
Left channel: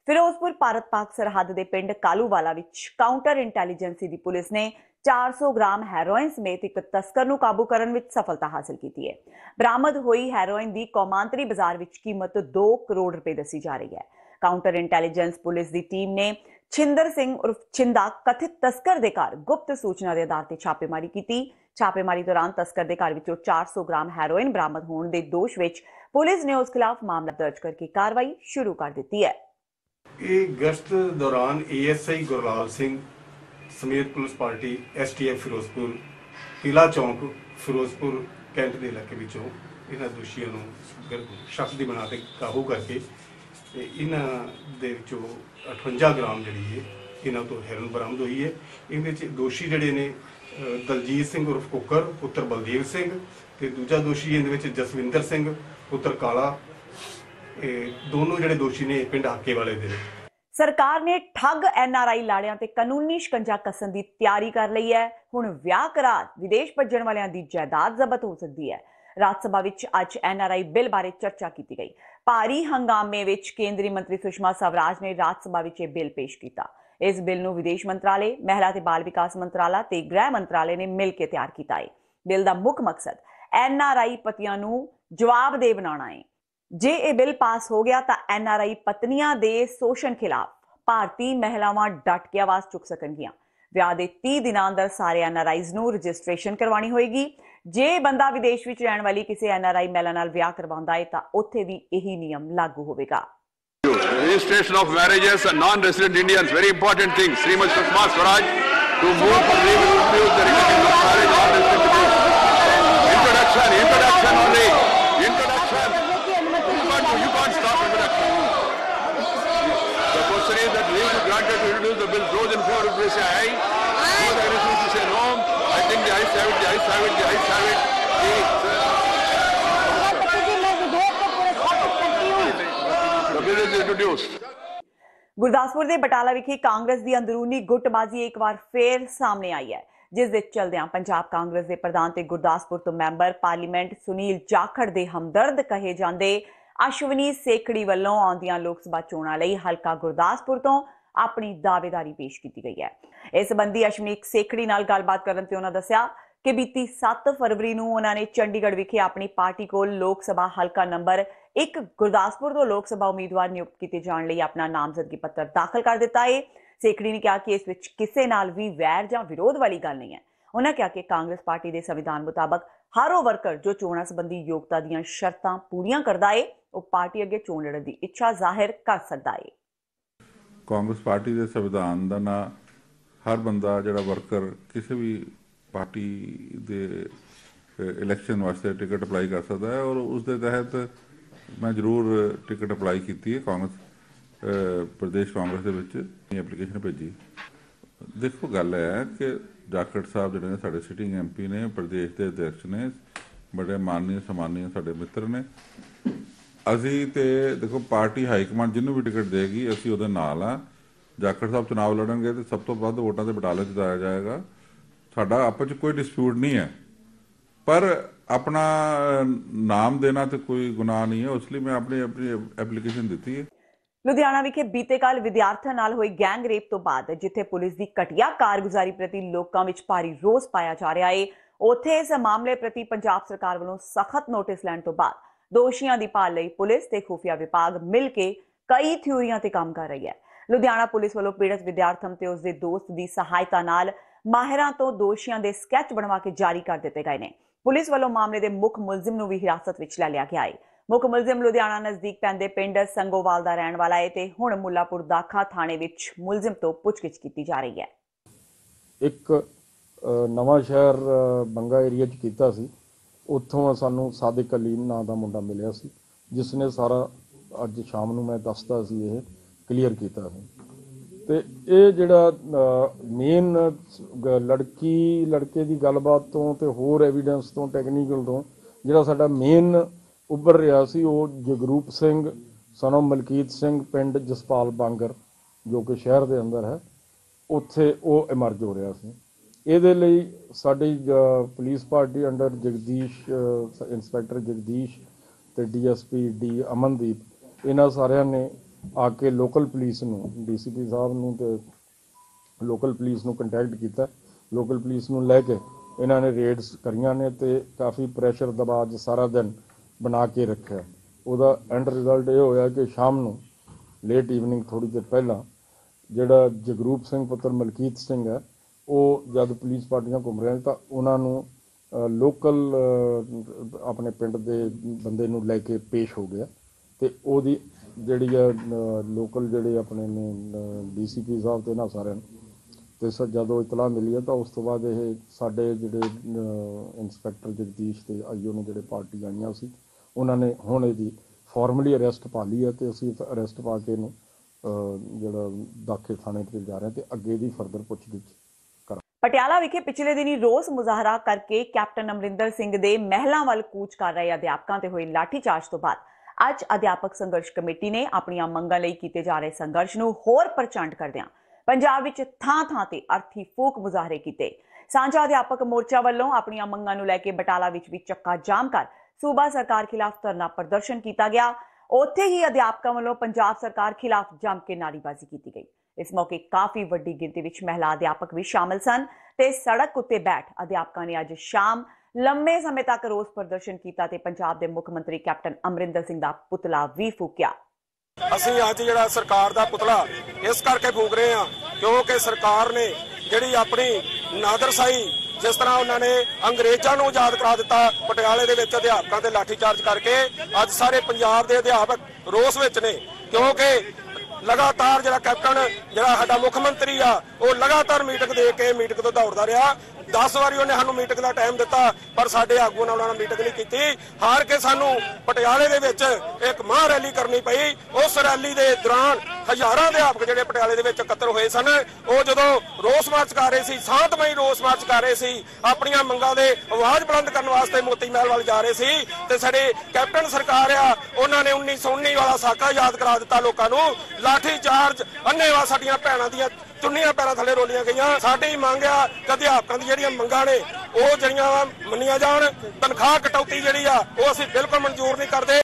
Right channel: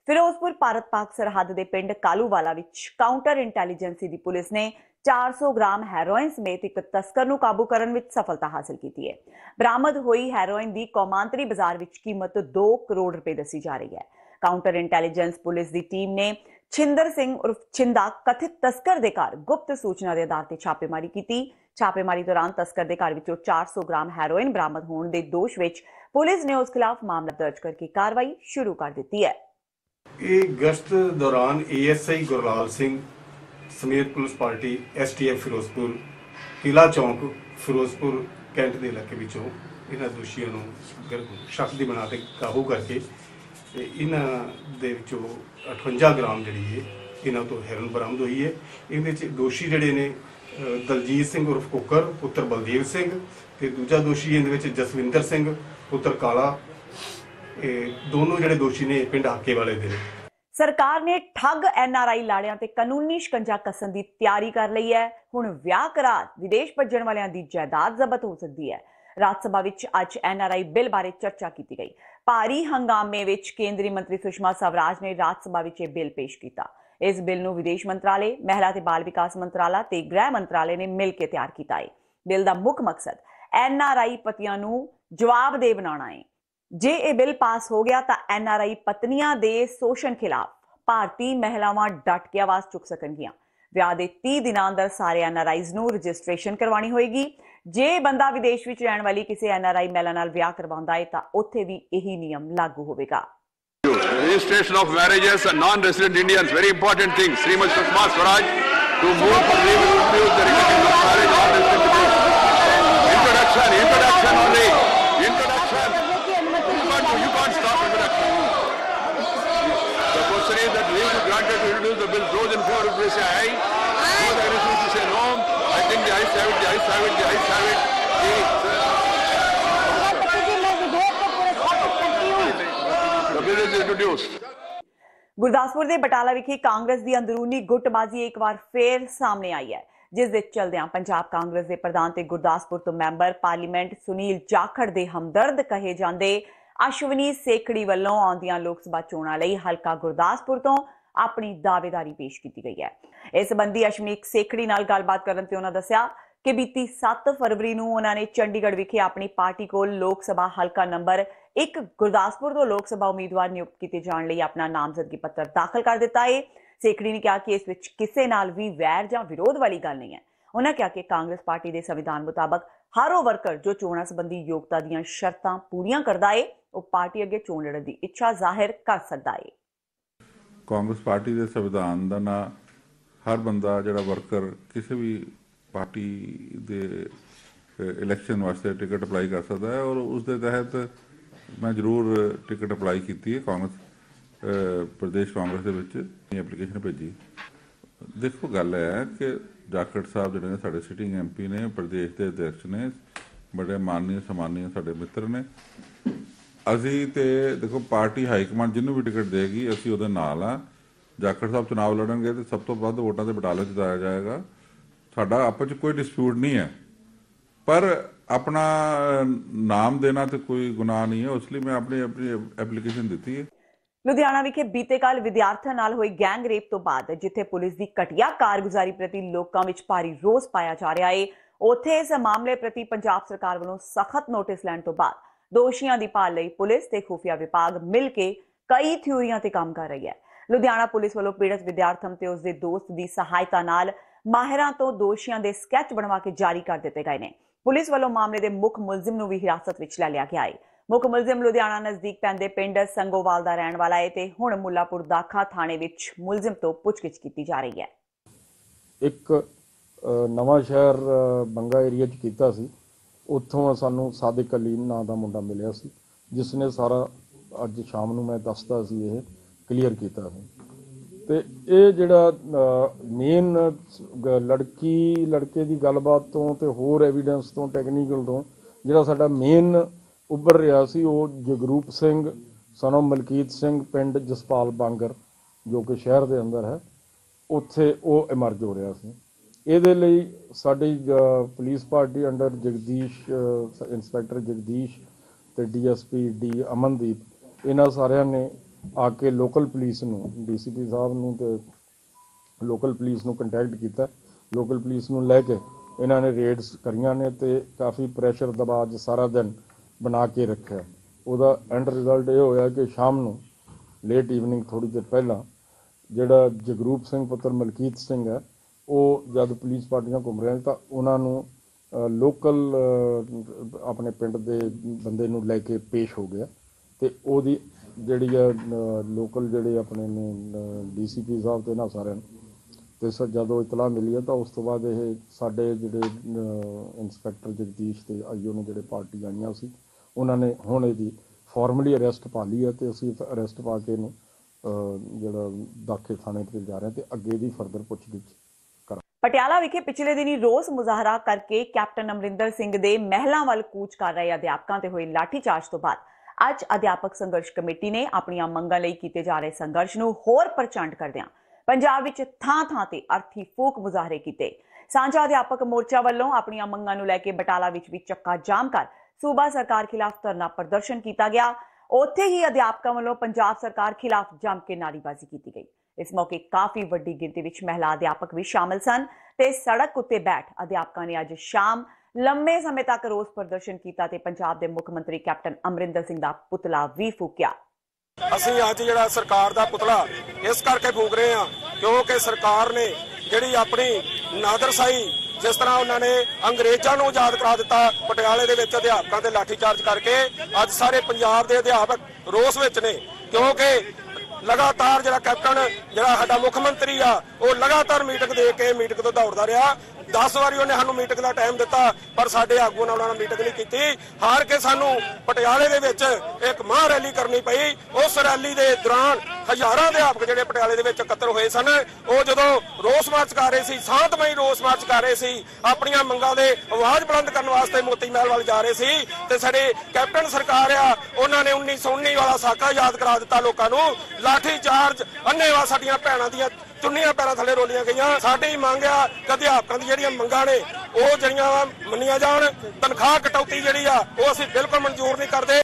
ਫਿਰੋਜ਼ਪੁਰ ਭਾਰਤ-ਪਾਕ ਸਰਹੱਦ ਦੇ ਪਿੰਡ ਕਾਲੂਵਾਲਾ ਵਿੱਚ ਕਾਊਂਟਰ ਇੰਟੈਲੀਜੈਂਸੀ ਦੀ ਪੁਲਿਸ ਨੇ 400 ਗ੍ਰਾਮ ਹੈਰੋਇਨ ਸਮੇਤ ਇੱਕ ਤਸਕਰ ਨੂੰ ਕਾਬੂ ਕਰਨ ਵਿੱਚ ਸਫਲਤਾ ਹਾਸਲ ਕੀਤੀ ਹੈ। ਬਰਾਮਦ ਹੋਈ ਹੈਰੋਇਨ ਦੀ ਕੌਮਾਂਤਰੀ ਬਾਜ਼ਾਰ ਵਿੱਚ ਕੀਮਤ 2 ਕਰੋੜ ਰੁਪਏ ਦੱਸੀ ਜਾ ਰਹੀ ਹੈ। ਕਾਊਂਟਰ ਇੰਟੈਲੀਜੈਂਸ ਪੁਲਿਸ ਦੀ ਟੀਮ ਨੇ ਛਿੰਦਰ ਸਿੰਘ ਉਰਫ ਛਿੰਦਾ ਕਥਿਤ ਤਸਕਰ ਦੇ ਘਰ ਗੁਪਤ ਸੂਚਨਾ ਦੇ ਆਧਾਰ ਤੇ ਛਾਪੇਮਾਰੀ ਕੀਤੀ। ਛਾਪੇਮਾਰੀ ਦੌਰਾਨ ਤਸਕਰ ਦੇ ਘਰ ਵਿੱਚੋਂ 400 ਗ੍ਰਾਮ ਹੈਰੋਇਨ ਬਰਾਮਦ ਹੋਣ ਦੇ ਦੋਸ਼ ਵਿੱਚ ਪੁਲਿਸ ਨੇ ਉਸ ਖਿਲਾਫ ਮਾਮਲਾ ਦਰਜ ਕਰਕੇ ਕਾਰਵਾਈ ਸ਼ੁਰੂ ਕਰ ਦਿੱਤੀ ਹੈ। ਇਹ ਗਸ਼ਤ ਦੌਰਾਨ ਏਐਸਆਈ ਗੁਰਲਾਲ ਸਿੰਘ ਸਮੇਤ ਪੁਲਿਸ ਪਾਰਟੀ ਐਸਟੀਐਫ ਫਿਰੋਜ਼ਪੁਰ ਕਿਲਾ ਚੌਂਕ ਫਿਰੋਜ਼ਪੁਰ ਕੈਂਟ ਦੇ ਇਲਾਕੇ ਵਿੱਚੋਂ ਇਹਨਾਂ ਦੋਸ਼ੀਆਂ ਨੂੰ ਸ਼ੱਕ ਦੀ ਬਣਾ ਤੇ ਕਾਬੂ ਕਰਕੇ ਇਹਨਾਂ ਦੇ ਵਿੱਚੋਂ 58 ਗ੍ਰਾਮ ਜਿਹੜੀ ਹੈ ਇਹਨਾਂ ਤੋਂ ਹੈਰੋਇਨ ਬਰਾਮਦ ਹੋਈ ਹੈ। ਇਹਦੇ ਵਿੱਚ ਦੋਸ਼ੀ ਜਿਹੜੇ ਨੇ ਦਲਜੀਤ ਸਿੰਘ ਉਰਫ ਕੁੱਕਰ ਪੁੱਤਰ ਬਲਦੇਵ ਸਿੰਘ ਤੇ ਦੂਜਾ ਦੋਸ਼ੀ ਇਹਦੇ ਵਿੱਚ ਜਸਵਿੰਦਰ ਸਿੰਘ ਪੁੱਤਰ ਕਾਲਾ, ਦੋਨੋਂ ਜਿਹੜੇ ਦੋਸ਼ੀ ਨੇ ਪਿੰਡ ਹਾਕੇ ਵਾਲੇ ਦੇ। ਸਰਕਾਰ ਨੇ ਠੱਗ ਐਨਆਰਆਈ ਲਾੜਿਆਂ ਤੇ ਕਾਨੂੰਨੀ ਸ਼ਿਕੰਜਾ ਕੱਸਣ ਦੀ ਤਿਆਰੀ ਕਰ ਲਈ ਹੈ। ਹੁਣ ਵਿਆਹ ਕਰਾ ਵਿਦੇਸ਼ ਭੱਜਣ ਵਾਲਿਆਂ ਦੀ ਜਾਇਦਾਦ ਜ਼ਬਤ ਹੋ ਸਕਦੀ ਹੈ। ਰਾਜ ਸਭਾ ਵਿੱਚ ਅੱਜ NRI ਬਿੱਲ ਬਾਰੇ ਚਰਚਾ ਕੀਤੀ ਗਈ। ਭਾਰੀ ਹੰਗਾਮੇ ਵਿੱਚ ਕੇਂਦਰੀ ਮੰਤਰੀ ਸੁਸ਼ਮਾ ਸਵਰਾਜ ਨੇ ਰਾਜ ਸਭਾ ਵਿੱਚ ਇਹ ਬਿੱਲ ਪੇਸ਼ ਕੀਤਾ। ਇਸ ਬਿੱਲ ਨੂੰ ਵਿਦੇਸ਼ ਮੰਤਰਾਲੇ, ਮਹਿਲਾ ਤੇ ਬਾਲ ਵਿਕਾਸ ਮੰਤਰਾਲਾ ਤੇ ਗ੍ਰਹਿ ਮੰਤਰਾਲੇ ਨੇ ਮਿਲ ਕੇ ਤਿਆਰ ਕੀਤਾ ਹੈ। ਬਿੱਲ ਦਾ ਮੁੱਖ ਮਕਸਦ NRI ਪਤੀਆਂ ਨੂੰ ਜਵਾਬਦੇਹ ਬਣਾਉਣਾ ਹੈ। ਜੇ ਇਹ ਬਿੱਲ ਪਾਸ ਹੋ ਗਿਆ ਤਾਂ NRI ਪਤਨੀਆਂ ਦੇ ਸ਼ੋਸ਼ਣ ਖਿਲਾਫ ਭਾਰਤੀ ਮਹਿਲਾਵਾਂ ਡਟ ਕੇ ਆਵਾਜ਼ ਚੁੱਕ ਸਕਣਗੀਆਂ। ਵਿਆਹ ਦੇ 30 ਦਿਨਾਂ ਅੰਦਰ ਸਾਰੇ NRIs ਨੂੰ ਰਜਿਸਟ੍ਰੇਸ਼ਨ ਕਰਵਾਉਣੀ ਹੋਏਗੀ। ਜੇ ਬੰਦਾ ਵਿਦੇਸ਼ ਵਿੱਚ ਰਹਿਣ ਵਾਲੀ ਕਿਸੇ NRI ਮਹਿਲਾ ਨਾਲ ਵਿਆਹ ਕਰਵਾਉਂਦਾ ਹੈ ਤਾਂ ਉੱਥੇ ਵੀ ਇਹੀ ਨਿਯਮ ਲਾਗੂ ਹੋਵੇਗਾ। Registration of marriages and non-resident Indians, very important thing. Srimati Sushma Swaraj to move to refuse the recognition of marriage non-resident Indians. Introduction, please. Introduction. You can't stop introduction. The question is that we are granted to introduce the bill. Those in favor will say aye. Those against will say no. I think the ayes have it. The ayes have it. The ayes have it. The bill is introduced. Gurdaspur ਦੇ ਬਟਾਲਾ ਵਿਖੇ ਕਾਂਗਰਸ ਦੀ ਅੰਦਰੂਨੀ ਗੁੱਟਬਾਜ਼ੀ ਇੱਕ ਵਾਰ ਫੇਰ ਸਾਹਮਣੇ ਆਈ ਹੈ, ਜਿਸ ਦੇ ਚਲਦਿਆਂ ਪੰਜਾਬ ਕਾਂਗਰਸ ਦੇ ਪ੍ਰਧਾਨ ਤੇ ਗੁਰਦਾਸਪੁਰ ਤੋਂ ਮੈਂਬਰ ਪਾਰਲੀਮੈਂਟ ਸੁਨੀਲ ਜਾਖੜ ਦੇ ਹਮਦਰਦ ਕਹੇ ਜਾਂਦੇ ਅਸ਼ਵਨੀ ਸੇਖੜੀ ਵੱਲੋਂ ਆਉਂਦੀਆਂ ਲੋਕ ਸਭਾ ਚੋਣਾਂ ਲਈ ਹਲਕਾ ਗੁਰਦਾਸਪੁਰ ਤੋਂ ਆਪਣੀ ਦਾਅਵੇਦਾਰੀ ਪੇਸ਼ ਕੀਤੀ ਗਈ ਹੈ। ਇਸ ਸੰਬੰਧੀ ਅਸ਼ਵਨੀ ਸੇਖੜੀ ਨਾਲ ਗੱਲਬਾਤ ਕਰਨ ਤੇ ਉਹਨਾਂ ਦੱਸਿਆ ਕਿ ਬੀਤੀ 7 ਫਰਵਰੀ ਨੂੰ ਉਹਨਾਂ ਨੇ ਚੰਡੀਗੜ੍ਹ ਵਿਖੇ ਆਪਣੀ ਪਾਰਟੀ ਕੋਲ ਲੋਕ ਸਭਾ ਹਲਕਾ ਨੰਬਰ 1 ਗੁਰਦਾਸਪੁਰ ਤੋਂ ਲੋਕ ਸਭਾ ਉਮੀਦਵਾਰ ਨਿਯੁਕਤ ਕੀਤੇ ਜਾਣ ਲਈ ਆਪਣਾ ਨਾਮਜ਼ਦਗੀ ਪੱਤਰ ਦਾਖਲ ਕਰ ਦਿੱਤਾ ਹੈ। ਸੇਖੜੀ ਨੇ ਕਿਹਾ ਕਿ ਇਸ ਵਿੱਚ ਕਿਸੇ ਨਾਲ ਵੀ ਵੈਰ ਜਾਂ ਵਿਰੋਧ ਵਾਲੀ ਗੱਲ ਨਹੀਂ ਹੈ। ਉਹਨਾਂ ਕਿਹਾ ਕਿ ਕਾਂਗਰਸ ਪਾਰਟੀ ਦੇ ਸੰਵਿਧਾਨ ਮੁਤਾਬਕ ਹਰ ਉਹ ਵਰਕਰ ਜੋ ਚੋਣਾਂ ਸੰਬੰਧੀ ਯੋਗਤਾ ਦੀਆਂ ਸ਼ਰਤਾਂ ਪੂਰੀਆਂ ਕਰਦਾ ਹੈ ਉਹ ਪਾਰਟੀ ਅੱਗੇ ਚੋਣ ਲੜਨ ਦੀ ਇੱਛਾ ਜ਼ਾਹਿਰ ਕਰ ਸਕਦਾ ਹੈ। ਕਾਂਗਰਸ ਪਾਰਟੀ ਦੇ ਸੰਵਿਧਾਨ ਦਾ ਨਾ ਹਰ ਬੰਦਾ ਜਿਹੜਾ ਵਰਕਰ ਕਿਸੇ ਵੀ ਪਾਰਟੀ ਦੇ ਇਲੈਕਸ਼ਨ ਵਾਸਤੇ ਟਿਕਟ ਅਪਲਾਈ ਕਰ ਸਕਦਾ ਹੈ ਔਰ ਉਸ ਦੇ ਤਹਿਤ ਮੈਂ ਜ਼ਰੂਰ ਟਿਕਟ ਅਪਲਾਈ ਕੀਤੀ ਹੈ। ਕਾਂਗਰਸ ਪ੍ਰਦੇਸ਼ ਕਾਂਗਰਸ ਦੇ ਵਿੱਚ ਐਪਲੀਕੇਸ਼ਨ ਭੇਜੀ। ਦੇਖੋ ਗੱਲ ਹੈ ਕਿ ਜਾਖੜ ਸਾਹਿਬ ਜਿਹੜੇ ਨੇ ਸਾਡੇ ਸਿਟਿੰਗ MP ਨੇ, ਪ੍ਰਦੇਸ਼ ਦੇ ਅਧਿਕਸ਼ ਨੇ, ਬੜੇ ਮਾਨਨੀय ਸਨਮਾਨनीय ਸਾਡੇ ਮਿੱਤਰ ਨੇ। ਅਸੀਂ ਤੇ ਦੇਖੋ ਪਾਰਟੀ ਹਾਈ ਕਮਾਂਡ ਜਿਹਨੂੰ ਵੀ ਟਿਕਟ ਦੇਗੀ ਅਸੀਂ ਉਹਦੇ ਨਾਲ ਆ। ਜਾਖੜ ਸਾਹਿਬ ਚੁਣਾਵ ਲੜਨਗੇ ਤੇ ਸਭ ਤੋਂ ਵੱਧ ਵੋਟਾਂ ਤੇ ਬਟਾਲੇ ਜਿਤਾਇਆ ਜਾਏਗਾ। ਸਾਡਾ ਆਪਸ 'ਚ ਕੋਈ ਡਿਸਪਿਊਟ ਨਹੀਂ ਹੈ, ਪਰ ਆਪਣਾ ਨਾਮ ਦੇਣਾ ਤੇ ਕੋਈ ਗੁਨਾਹ ਨਹੀਂ ਹੈ। ਉਸ ਲਈ ਮੈਂ ਆਪਣੀ ਐਪਲੀਕੇਸ਼ਨ ਦਿੱਤੀ ਹੈ। ਲੁਧਿਆਣਾ ਵਿਖੇ ਬੀਤੇ ਕੱਲ ਵਿਦਿਆਰਥੀਆਂ ਨਾਲ ਹੋਈ ਗੈਂਗ ਰੇਪ ਤੋਂ ਬਾਅਦ ਜਿੱਥੇ ਪੁਲਿਸ ਦੀ ਘਟੀਆ ਕਾਰਗੁਜ਼ਾਰੀ ਪ੍ਰਤੀ ਲੋਕਾਂ ਵਿੱਚ ਭਾਰੀ ਰੋਸ ਪਾਇਆ ਜਾ ਰਿਹਾ ਹੈ, ਉੱਥੇ ਇਸ ਮਾਮਲੇ ਪ੍ਰਤੀ ਪੰਜਾਬ ਸਰਕਾਰ ਵੱਲੋਂ ਸਖਤ ਨੋਟਿਸ ਲੈਣ ਤੋਂ ਬਾਅਦ ਦੋਸ਼ੀਆਂ ਦੀ ਭਾਲ ਲਈ ਪੁਲਿਸ ਤੇ ਖੁਫੀਆ ਵਿਭਾਗ ਮਿਲ ਕੇ ਕਈ ਥਿਊਰੀਆਂ ਤੇ ਕੰਮ ਕਰ ਰਹੀ ਹੈ। ਲੁਧਿਆਣਾ ਪੁਲਿਸ ਵੱਲੋਂ ਪੀੜਤ ਵਿਦਿਆਰਥਣ ਤੇ ਉਸ ਦੇ ਦੋਸਤ ਦੀ ਸਹਾਇਤਾ ਨਾਲ ਮਾਹਿਰਾਂ ਤੋਂ ਦੋਸ਼ੀਆਂ ਦੇ ਸਕੈਚ ਬਣਵਾ ਕੇ ਜਾਰੀ ਕਰ ਦਿੱਤੇ ਗਏ ਨੇ। ਪੁਲਿਸ ਵੱਲੋਂ ਮਾਮਲੇ ਦੇ ਮੁੱਖ ਮੁਲਜ਼ਮ ਨੂੰ ਵੀ ਹਿਰਾਸਤ ਵਿੱਚ ਲੈ ਲਿਆ ਗਿਆ ਹੈ। ਮੁੱਖ ਮੁਲਜ਼ਮ ਲੁਧਿਆਣਾ ਨਜ਼ਦੀਕ ਪੈਂਦੇ ਪਿੰਡ ਸੰਗੋਵਾਲ ਦਾ ਰਹਿਣ ਵਾਲਾ ਹੈ ਤੇ ਹੁਣ ਮੁੱਲਾਪੁਰ ਦਾਖਾ ਥਾਣੇ ਵਿੱਚ ਮੁਲਜ਼ਮ ਤੋਂ ਪੁੱਛਗਿੱਛ ਕੀਤੀ ਜਾ ਰਹੀ ਹੈ। ਇੱਕ ਨਵਾਂ ਸ਼ਹਿਰ ਬੰਗਾ ਏਰੀਆ 'ਚ ਕੀਤਾ ਸੀ, ਉੱਥੋਂ ਸਾਨੂੰ ਸਾਦਿਕ ਅਲੀ ਨਾਂ ਦਾ ਮੁੰਡਾ ਮਿਲਿਆ ਸੀ ਜਿਸ ਨੇ ਸਾਰਾ ਅੱਜ ਸ਼ਾਮ ਨੂੰ ਮੈਂ ਦੱਸਦਾ ਸੀ ਇਹ ਕਲੀਅਰ ਕੀਤਾ ਸੀ। ਤੇ ਇਹ ਜਿਹੜਾ ਮੇਨ ਲੜਕੇ ਦੀ ਗੱਲਬਾਤ ਤੋਂ ਤੇ ਹੋਰ ਐਵੀਡੈਂਸ ਤੋਂ ਟੈਕਨੀਕਲ ਤੋਂ ਜਿਹੜਾ ਸਾਡਾ ਮੇਨ ਉੱਭਰ ਰਿਹਾ ਸੀ ਉਹ ਜਗਰੂਪ ਸਿੰਘ ਸਨ ਮਲਕੀਤ ਸਿੰਘ ਪਿੰਡ ਜਸਪਾਲ ਬਾਂਗਰ ਜੋ ਕਿ ਸ਼ਹਿਰ ਦੇ ਅੰਦਰ ਹੈ, ਉੱਥੇ ਉਹ ਇਮਰਜ ਹੋ ਰਿਹਾ ਸੀ। ਇਹਦੇ ਲਈ ਸਾਡੀ police party under Jagdish inspector Jagdish ਤੇ DSP ਡੀ ਅਮਨਦੀਪ ਇਹਨਾਂ ਸਾਰਿਆਂ ਨੇ ਆ ਕੇ ਲੋਕਲ ਪੁਲਿਸ ਨੂੰ DCP ਸਾਹਿਬ ਨੂੰ ਤੇ ਲੋਕਲ ਪੁਲਿਸ ਨੂੰ ਕੰਟੈਕਟ ਕੀਤਾ। ਲੋਕਲ ਪੁਲਿਸ ਨੂੰ ਲੈ ਕੇ ਇਹਨਾਂ ਨੇ ਰੇਡਸ ਕਰੀਆਂ ਨੇ ਤੇ ਕਾਫੀ ਪ੍ਰੈਸ਼ਰ ਦਬਾਅ 'ਚ ਸਾਰਾ ਦਿਨ ਬਣਾ ਕੇ ਰੱਖਿਆ। ਉਹਦਾ ਐਂਡ ਰਿਜ਼ਲਟ ਇਹ ਹੋਇਆ ਕਿ ਸ਼ਾਮ ਨੂੰ ਲੇਟ ਈਵਨਿੰਗ ਥੋੜ੍ਹੀ ਦੇਰ ਪਹਿਲਾਂ ਜਿਹੜਾ ਜਗਰੂਪ ਸਿੰਘ ਪੁੱਤਰ ਮਲਕੀਤ ਸਿੰਘ ਹੈ ਉਹ ਜਦ ਪੁਲਿਸ ਪਾਰਟੀਆਂ ਘੁੰਮ ਰਿਹਾ ਤਾਂ ਉਹਨਾਂ ਨੂੰ ਲੋਕਲ ਆਪਣੇ ਪਿੰਡ ਦੇ ਬੰਦੇ ਨੂੰ ਲੈ ਕੇ ਪੇਸ਼ ਹੋ ਗਿਆ ਤੇ ਉਹਦੀ ਜਿਹੜੀ ਆ ਲੋਕਲ ਜਿਹੜੇ ਆਪਣੇ ਨੇ DCP ਸਾਹਿਬ ਤੇ ਨਾ ਸਾਰਿਆਂ ਨੂੰ ਤੇ ਸਰ ਜਦੋਂ ਇਤਲਾਹ ਮਿਲੀ ਹੈ ਤਾਂ ਉਸ ਤੋਂ ਬਾਅਦ ਇਹ ਸਾਡੇ ਜਿਹੜੇ ਇੰਸਪੈਕਟਰ ਜਗਦੀਸ਼ ਤੇ IO ਨੇ ਜਿਹੜੇ ਪਾਰਟੀ ਆਈਆਂ ਸੀ ਉਹਨਾਂ ਨੇ ਹੁਣ ਇਹਦੀ ਫਾਰਮਲੀ ਅਰੈਸਟ ਪਾ ਲਈ ਹੈ ਤੇ ਅਸੀਂ ਅਰੈਸਟ ਪਾ ਕੇ ਇਹਨੂੰ ਜਿਹੜਾ ਦਾਖੇ ਥਾਣੇ ਤੇ ਜਾ ਰਿਹਾ ਤੇ ਅੱਗੇ ਦੀ ਫਰਦਰ ਪੁੱਛਗਿੱਛ ਕਰਾਂਗੇ। ਪਟਿਆਲਾ ਵਿਖੇ ਪਿਛਲੇ ਦਿਨੀ ਰੋਸ ਮੁਜ਼ਾਹਰਾ ਕਰਕੇ ਕੈਪਟਨ ਅਮਰਿੰਦਰ ਸਿੰਘ ਦੇ ਮਹਿਲਾਂ ਵੱਲ ਕੂਚ ਕਰ ਰਹੇ ਅਧਿਆਪਕਾਂ ਤੇ ਹੋਏ ਲਾਠੀਚਾਰਜ ਤੋਂ ਬਾਅਦ ਅੱਜ ਅਧਿਆਪਕ ਸੰਘਰਸ਼ ਕਮੇਟੀ ਨੇ ਆਪਣੀਆਂ ਮੰਗਾਂ ਲਈ ਕੀਤੇ ਜਾ ਰਹੇ ਸੰਘਰਸ਼ ਨੂੰ ਹੋਰ ਪ੍ਰਚੰਡ ਕਰਦਿਆਂ ਪੰਜਾਬ ਵਿੱਚ ਥਾਂ-ਥਾਂ ਤੇ ਅਰਥੀ ਫੂਕ ਮੁਜ਼ਾਹਰੇ ਕੀਤੇ। ਸਾਂਝਾ ਅਧਿਆਪਕ ਮੋਰਚਾ ਵੱਲੋਂ ਆਪਣੀਆਂ ਮੰਗਾਂ ਨੂੰ ਲੈ ਕੇ ਬਟਾਲਾ ਵਿੱਚ ਵੀ ਚੱਕਾ ਜਾਮ ਕਰ ਸੂਬਾ ਸਰਕਾਰ ਖਿਲਾਫ ਧਰਨਾ ਪ੍ਰਦਰਸ਼ਨ ਕੀਤਾ ਗਿਆ। ਉੱਥੇ ਹੀ ਅਧਿਆਪਕਾਂ ਵੱਲੋਂ ਪੰਜਾਬ ਸਰਕਾਰ ਖਿਲਾਫ ਜੰਮ ਕੇ ਨਾਅਰੇਬਾਜ਼ੀ ਕੀਤੀ ਗਈ। ਇਸ ਮੌਕੇ ਕਾਫੀ ਵੱਡੀ ਗਿਣਤੀ ਵਿੱਚ ਮਹਿਲਾ ਅਧਿਆਪਕ ਵੀ ਸ਼ਾਮਲ ਸਨ ਤੇ ਸੜਕ ਉੱਤੇ ਬੈਠ ਅਧਿਆਪਕਾਂ ਨੇ ਅੱਜ ਸ਼ਾਮ ਲੰਮੇ ਸਮੇਂ ਤੱਕ ਰੋਸ ਪ੍ਰਦਰਸ਼ਨ ਕੀਤਾ ਤੇ ਪੰਜਾਬ ਦੇ ਮੁੱਖ ਮੰਤਰੀ ਕੈਪਟਨ ਅਮਰਿੰਦਰ ਸਿੰਘ ਦਾ ਪੁਤਲਾ ਵੀ ਫੂਕਿਆ। ਅਸੀਂ ਅੱਜ ਜਿਹੜਾ ਸਰਕਾਰ ਦਾ ਪੁਤਲਾ ਇਸ ਕਰਕੇ ਫੂਕ ਰਹੇ ਹਾਂ ਕਿਉਂਕਿ ਸਰਕਾਰ ਨੇ ਜਿਹੜੀ ਆਪਣੀ ਨਾਦਰਸ਼ਾਹੀ ਜਿਸ ਤਰ੍ਹਾਂ ਉਹਨਾਂ ਨੇ ਅੰਗਰੇਜ਼ਾਂ ਨੂੰ ਆਜ਼ਾਦ ਕਰਾ ਦਿੱਤਾ, ਪਟਿਆਲੇ ਦੇ ਵਿੱਚ ਅਧਿਆਪਕਾਂ ਤੇ ਲਾਠੀਚਾਰਜ ਕਰਕੇ ਅੱਜ ਸਾਰੇ ਪੰਜਾਬ ਦੇ ਅਧਿਆਪਕ ਰੋਸ ਵਿੱਚ ਨੇ ਕਿਉਂਕਿ ਲਗਾਤਾਰ ਜਿਹੜਾ ਕੈਪਟਨ ਜਿਹੜਾ ਸਾਡਾ ਮੁੱਖ ਮੰਤਰੀ ਆ ਉਹ ਲਗਾਤਾਰ ਮੀਟਿੰਗ ਦੇ ਕੇ ਮੀਟਿੰਗ ਤੋਂ ਦੌੜਦਾ ਰਿਹਾ। 10 ਵਾਰੀ ਉਹਨੇ ਸਾਨੂੰ ਮੀਟਿੰਗ ਦਾ ਟਾਈਮ ਦਿੱਤਾ ਪਰ ਸਾਡੇ ਆਗੂ ਨੇ ਉਹਨਾਂ ਨਾਲ ਮੀਟਿੰਗ ਨਹੀਂ ਕੀਤੀ। ਹਾਰ ਕੇ ਸਾਨੂੰ ਪਟਿਆਲੇ ਦੇ ਵਿੱਚ ਇੱਕ ਮਹਾਂ ਰੈਲੀ ਕਰਨੀ ਪਈ। ਉਸ ਰੈਲੀ ਦੇ ਦੌਰਾਨ ਹਜ਼ਾਰਾਂ ਅਧਿਆਪਕ ਜਿਹੜੇ ਪਟਿਆਲੇ ਦੇ ਵਿੱਚ ਇਕੱਤਰ ਹੋਏ ਸਨ, ਉਹ ਜਦੋਂ ਰੋਸ ਮਾਰਚ ਕਰ ਰਹੇ ਸੀ, ਸ਼ਾਂਤਮਈ ਰੋਸ ਮਾਰਚ ਕਰ ਰਹੇ ਸੀ, ਆਪਣੀਆਂ ਮੰਗਾਂ ਦੇ ਆਵਾਜ਼ ਬੁਲੰਦ ਕਰਨ ਵਾਸਤੇ ਮੋਤੀ ਮਹਿਲ ਵੱਲ ਜਾ ਰਹੇ ਸੀ ਤੇ ਸਾਡੇ ਕੈਪਟਨ ਸਰਕਾਰ ਆ ਉਹਨਾਂ ਨੇ 1919 ਵਾਲਾ ਸਾਕਾ ਯਾਦ ਕਰਾ ਦਿੱਤਾ ਲੋਕਾਂ ਨੂੰ। ਲਾਠੀ ਚਾਰਜ ਅੰਨ੍ਹੇਵਾਹ ਸਾਡੀਆਂ ਭੈਣਾਂ ਦੀਆਂ ਚੁੰਨੀਆਂ ਪੈਰਾਂ ਥੱਲੇ ਰੋਲੀਆਂ ਗਈਆਂ। ਸਾਡੀ ਮੰਗ ਆ ਕਿ ਅਧਿਆਪਕਾਂ ਦੀ ਜਿਹੜੀਆਂ ਮੰਗਾਂ ਨੇ ਉਹ ਜਿਹੜੀਆਂ ਮੰਨੀਆਂ ਜਾਣ। ਤਨਖਾਹ ਕਟੌਤੀ ਜਿਹੜੀ ਆ ਉਹ ਅਸੀਂ ਬਿਲਕੁਲ ਮਨਜ਼ੂਰ ਨਹੀਂ ਕਰਦੇ।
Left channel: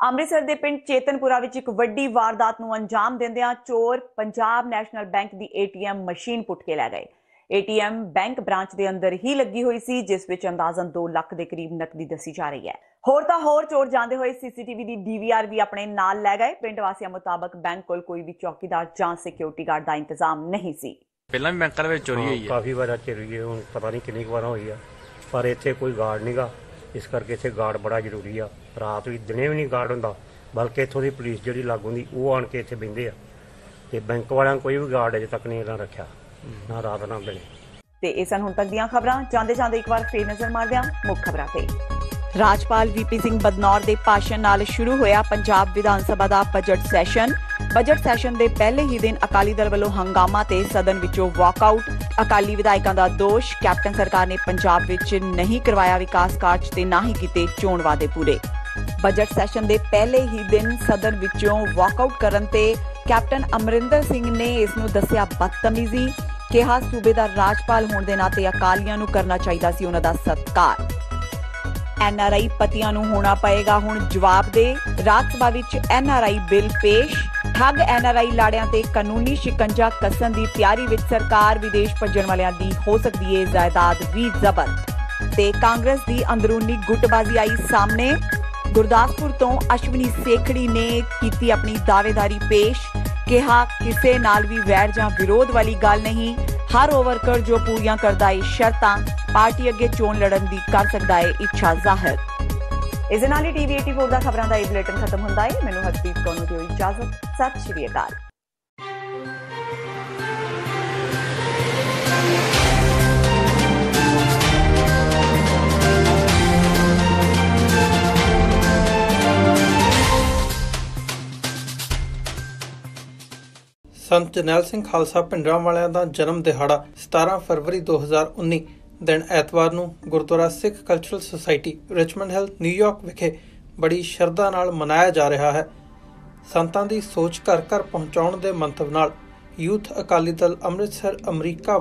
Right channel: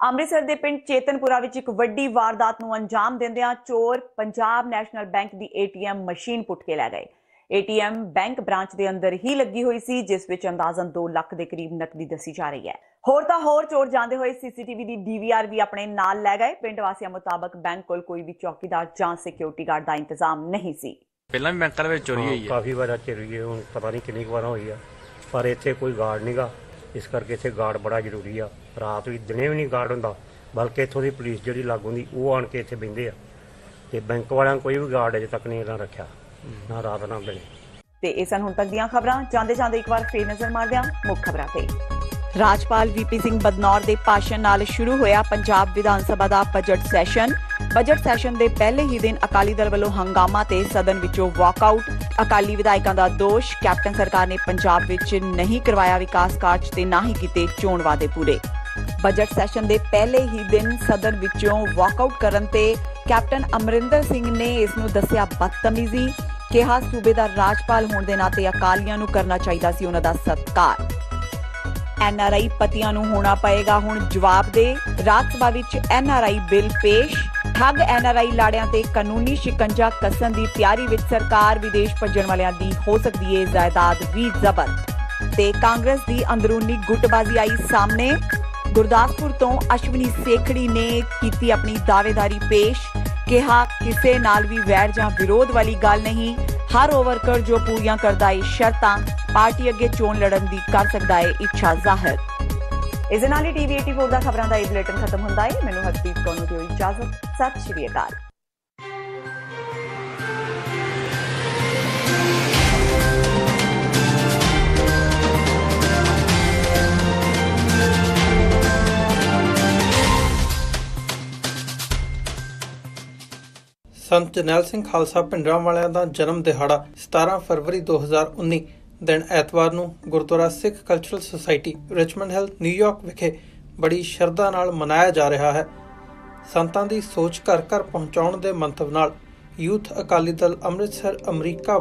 ਅੰਮ੍ਰਿਤਸਰ ਦੇ ਪਿੰਡ ਚੇਤਨਪੁਰਾ ਵਿੱਚ ਇੱਕ ਵੱਡੀ ਵਾਰਦਾਤ ਨੂੰ ਅੰਜਾਮ ਦਿੰਦਿਆਂ ਚੋਰ ਪੰਜਾਬ ਨੈਸ਼ਨਲ ਬੈਂਕ ਦੀ ATM ਮਸ਼ੀਨ ਪੁੱਟ ਕੇ ਲੈ ਗਏ। ATM ਬੈਂਕ ਬ੍ਰਾਂਚ ਦੇ ਅੰਦਰ ਹੀ ਲੱਗੀ ਹੋਈ ਸੀ ਜਿਸ ਵਿੱਚ ਅੰਦਾਜ਼ਨ 2 ਲੱਖ ਦੇ ਕਰੀਬ ਨਕਦੀ ਦੱਸੀ ਜਾ ਰਹੀ ਹੈ। ਹੋਰ ਤਾਂ ਹੋਰ ਚੋਰ ਜਾਂਦੇ ਹੋਏ CCTV ਦੀ DVR ਵੀ ਆਪਣੇ ਨਾਲ ਲੈ ਗਏ। ਪਿੰਡ ਵਾਸੀਆਂ ਮੁਤਾਬਕ ਬੈਂਕ ਕੋਲ ਕੋਈ ਵੀ ਚੌਕੀਦਾਰ ਜਾਂ ਸਿਕਿਉਰਿਟੀ ਗਾਰਡ ਦਾ ਇੰਤਜ਼ਾਮ ਨਹੀਂ ਸੀ। ਪਹਿਲਾਂ ਵੀ ਬੈਂਕਾਂ ਵਿੱਚ ਚੋਰੀ ਹੋਈ ਹੈ, ਕਾਫੀ ਵਾਰ ਚੋਰੀ ਹੋਈ, ਹੁਣ ਪਤਾ ਨਹੀਂ ਕਿੰਨੀ ਵਾਰ ਹੋਈ ਆ, ਪਰ ਇੱਥੇ ਕੋਈ ਗਾਰਡ ਨਹੀਂਗਾ। ਇਸ ਕਰਕੇ ਇੱਥੇ ਗਾਰਡ ਬੜਾ ਜ਼ਰੂਰੀ ਆ। ਰਾਤ ਵੀ ਦਿਨੇ ਵੀ ਨਹੀਂ ਗਾਰਡ ਹੁੰਦਾ, ਬਲਕਿ ਇੱਥੋਂ ਦੀ ਪੁਲਿਸ ਜਿਹੜੀ ਲਾਗੂ ਦੀ ਉਹ ਆਣ ਕੇ ਇੱਥੇ ਬਹਿੰਦੇ ਆ ਤੇ ਬੈਂਕ ਵਾਲਿਆਂ ਕੋਈ ਵੀ ਗਾਰਡ ਅਜੇ ਤੱਕ ਨਹੀਂ ਇਹਨਾਂ ਰੱਖਿਆ, ਨਾ ਰਾਤ ਨਾ ਦਿਨੇ। ਤੇ ਇਹ ਸਨ ਹੁਣ ਤੱਕ ਦੀਆਂ ਖਬਰਾਂ। ਜਾਂਦੇ ਇੱਕ ਵਾਰ ਫੇਰ ਨਜ਼ਰ ਮਾਰਦੇ ਹਾਂ ਮੁੱਖ ਖਬਰਾਂ ਤੇ। ਰਾਜਪਾਲ VP ਸਿੰਘ ਬਦਨੌਰ ਦੇ ਭਾਸ਼ਣ ਨਾਲ ਸ਼ੁਰੂ ਹੋਇਆ ਪੰਜਾਬ ਵਿਧਾਨ ਸਭਾ ਦਾ ਬਜਟ ਸੈਸ਼ਨ। ਬਜਟ ਸੈਸ਼ਨ ਦੇ ਪਹਿਲੇ ਹੀ ਦਿਨ ਅਕਾਲੀ ਦਲ ਵੱਲੋਂ ਹੰਗਾਮਾ ਤੇ ਸਦਨ ਵਿੱਚੋਂ ਵਾਕਆਊਟ। ਅਕਾਲੀ ਵਿਧਾਇਕਾਂ ਦਾ ਦੋਸ਼, ਕੈਪਟਨ ਸਰਕਾਰ ਨੇ ਪੰਜਾਬ ਵਿੱਚ ਨਹੀਂ ਕਰਵਾਇਆ ਵਿਕਾਸ ਕਾਰਜ ਤੇ ਨਾ ਹੀ ਕੀਤੇ ਚੋਣ ਵਾਅਦੇ ਪੂਰੇ। ਬਜਟ ਸੈਸ਼ਨ ਦੇ ਪਹਿਲੇ ਹੀ ਦਿਨ ਸਦਨ ਵਿੱਚੋਂ ਵਾਕਆਊਟ ਕਰਨ ਤੇ ਕੈਪਟਨ ਅਮਰਿੰਦਰ ਸਿੰਘ ਨੇ ਇਸ ਨੂੰ ਦੱਸਿਆ ਬਦਤਮੀਜ਼ੀ। ਕਿਹਾ ਸੂਬੇ ਦਾ ਰਾਜਪਾਲ ਹੋਣ ਦੇ ਨਾਤੇ ਅਕਾਲੀਆਂ ਨੂੰ ਕਰਨਾ ਚਾਹੀਦਾ ਸੀ ਉਹਨਾਂ ਦਾ ਸਤਿਕਾਰ। NRI ਪਤੀਆਂ ਨੂੰ ਹੋਣਾ ਪਏਗਾ ਹੁਣ ਜਵਾਬ ਦੇ। ਰਾਜ ਸਭਾ ਵਿੱਚ NRI ਬਿੱਲ ਪੇਸ਼। ਠੱਗ NRI ਲਾੜਿਆਂ ਤੇ ਕਾਨੂੰਨੀ ਸ਼ਿਕੰਜਾ ਕੱਸਣ ਦੀ ਤਿਆਰੀ ਵਿੱਚ ਸਰਕਾਰ। ਵਿਦੇਸ਼ ਭੱਜਣ ਵਾਲਿਆਂ ਦੀ ਹੋ ਸਕਦੀ ਹੈ ਜਾਇਦਾਦ ਵੀ ਜ਼ਬਤ। ਤੇ ਕਾਂਗਰਸ ਦੀ ਅੰਦਰੂਨੀ ਗੁੱਟਬਾਜ਼ੀ ਆਈ ਸਾਹਮਣੇ। ਗੁਰਦਾਸਪੁਰ ਤੋਂ ਅਸ਼ਵਨੀ ਸੇਖੜੀ ਨੇ ਕੀਤੀ ਆਪਣੀ ਦਾਅਵੇਦਾਰੀ ਪੇਸ਼। ਕਿਹਾ ਕਿਸੇ ਨਾਲ ਵੀ ਵੈਰ ਜਾਂ ਵਿਰੋਧ ਵਾਲੀ ਗੱਲ ਨਹੀਂ। ਹਰ ਉਹ ਵਰਕਰ ਜੋ ਪੂਰੀਆਂ ਕਰਦਾ ਹੈ ਸ਼ਰਤਾਂ, ਪਾਰਟੀ ਅੱਗੇ ਚੋਣ ਲੜਨ ਦੀ ਕਰ ਸਕਦਾ ਹੈ ਇੱਛਾ ਜ਼ਾਹਿਰ। ਇਸ ਦੇ ਨਾਲ ਹੀ TV 84 ਦਾ ਖਬਰਾਂ ਦਾ ਇਹ ਬੁਲੇਟਿਨ ਖਤਮ ਹੁੰਦਾ ਹੈ। ਮੈਨੂੰ ਹਰਪ੍ਰੀਤ ਕੌਰ ਨੂੰ ਦਿਓ ਇਜਾਜ਼ਤ। ਸਤਿ ਸ਼੍ਰੀ ਅਕਾਲ। ਸੰਤ ਜਰਨੈਲ ਸਿੰਘ ਖਾਲਸਾ ਭਿੰਡਰਾਂਵਾਲਿਆਂ ਦਾ ਜਨਮ ਦਿਹਾੜਾ 17 ਫਰਵਰੀ 2019 ਦਿਨ ਐਤਵਾਰ ਨੂੰ Gurdwara Sikh cultural society Richmond Hill New York ਵਿਖੇ ਬੜੀ ਸ਼ਰਧਾ ਨਾਲ ਮਨਾਇਆ ਜਾ ਰਿਹਾ ਹੈ। ਸੰਤਾਂ ਦੀ ਸੋਚ ਘਰ ਘਰ ਪਹੁੰਚਾਉਣ ਦੇ ਮੰਤਵ ਨਾਲ ਯੂਥ ਅਕਾਲੀ ਦਲ ਅੰਮ੍ਰਿਤਸਰ ਅਮਰੀਕਾ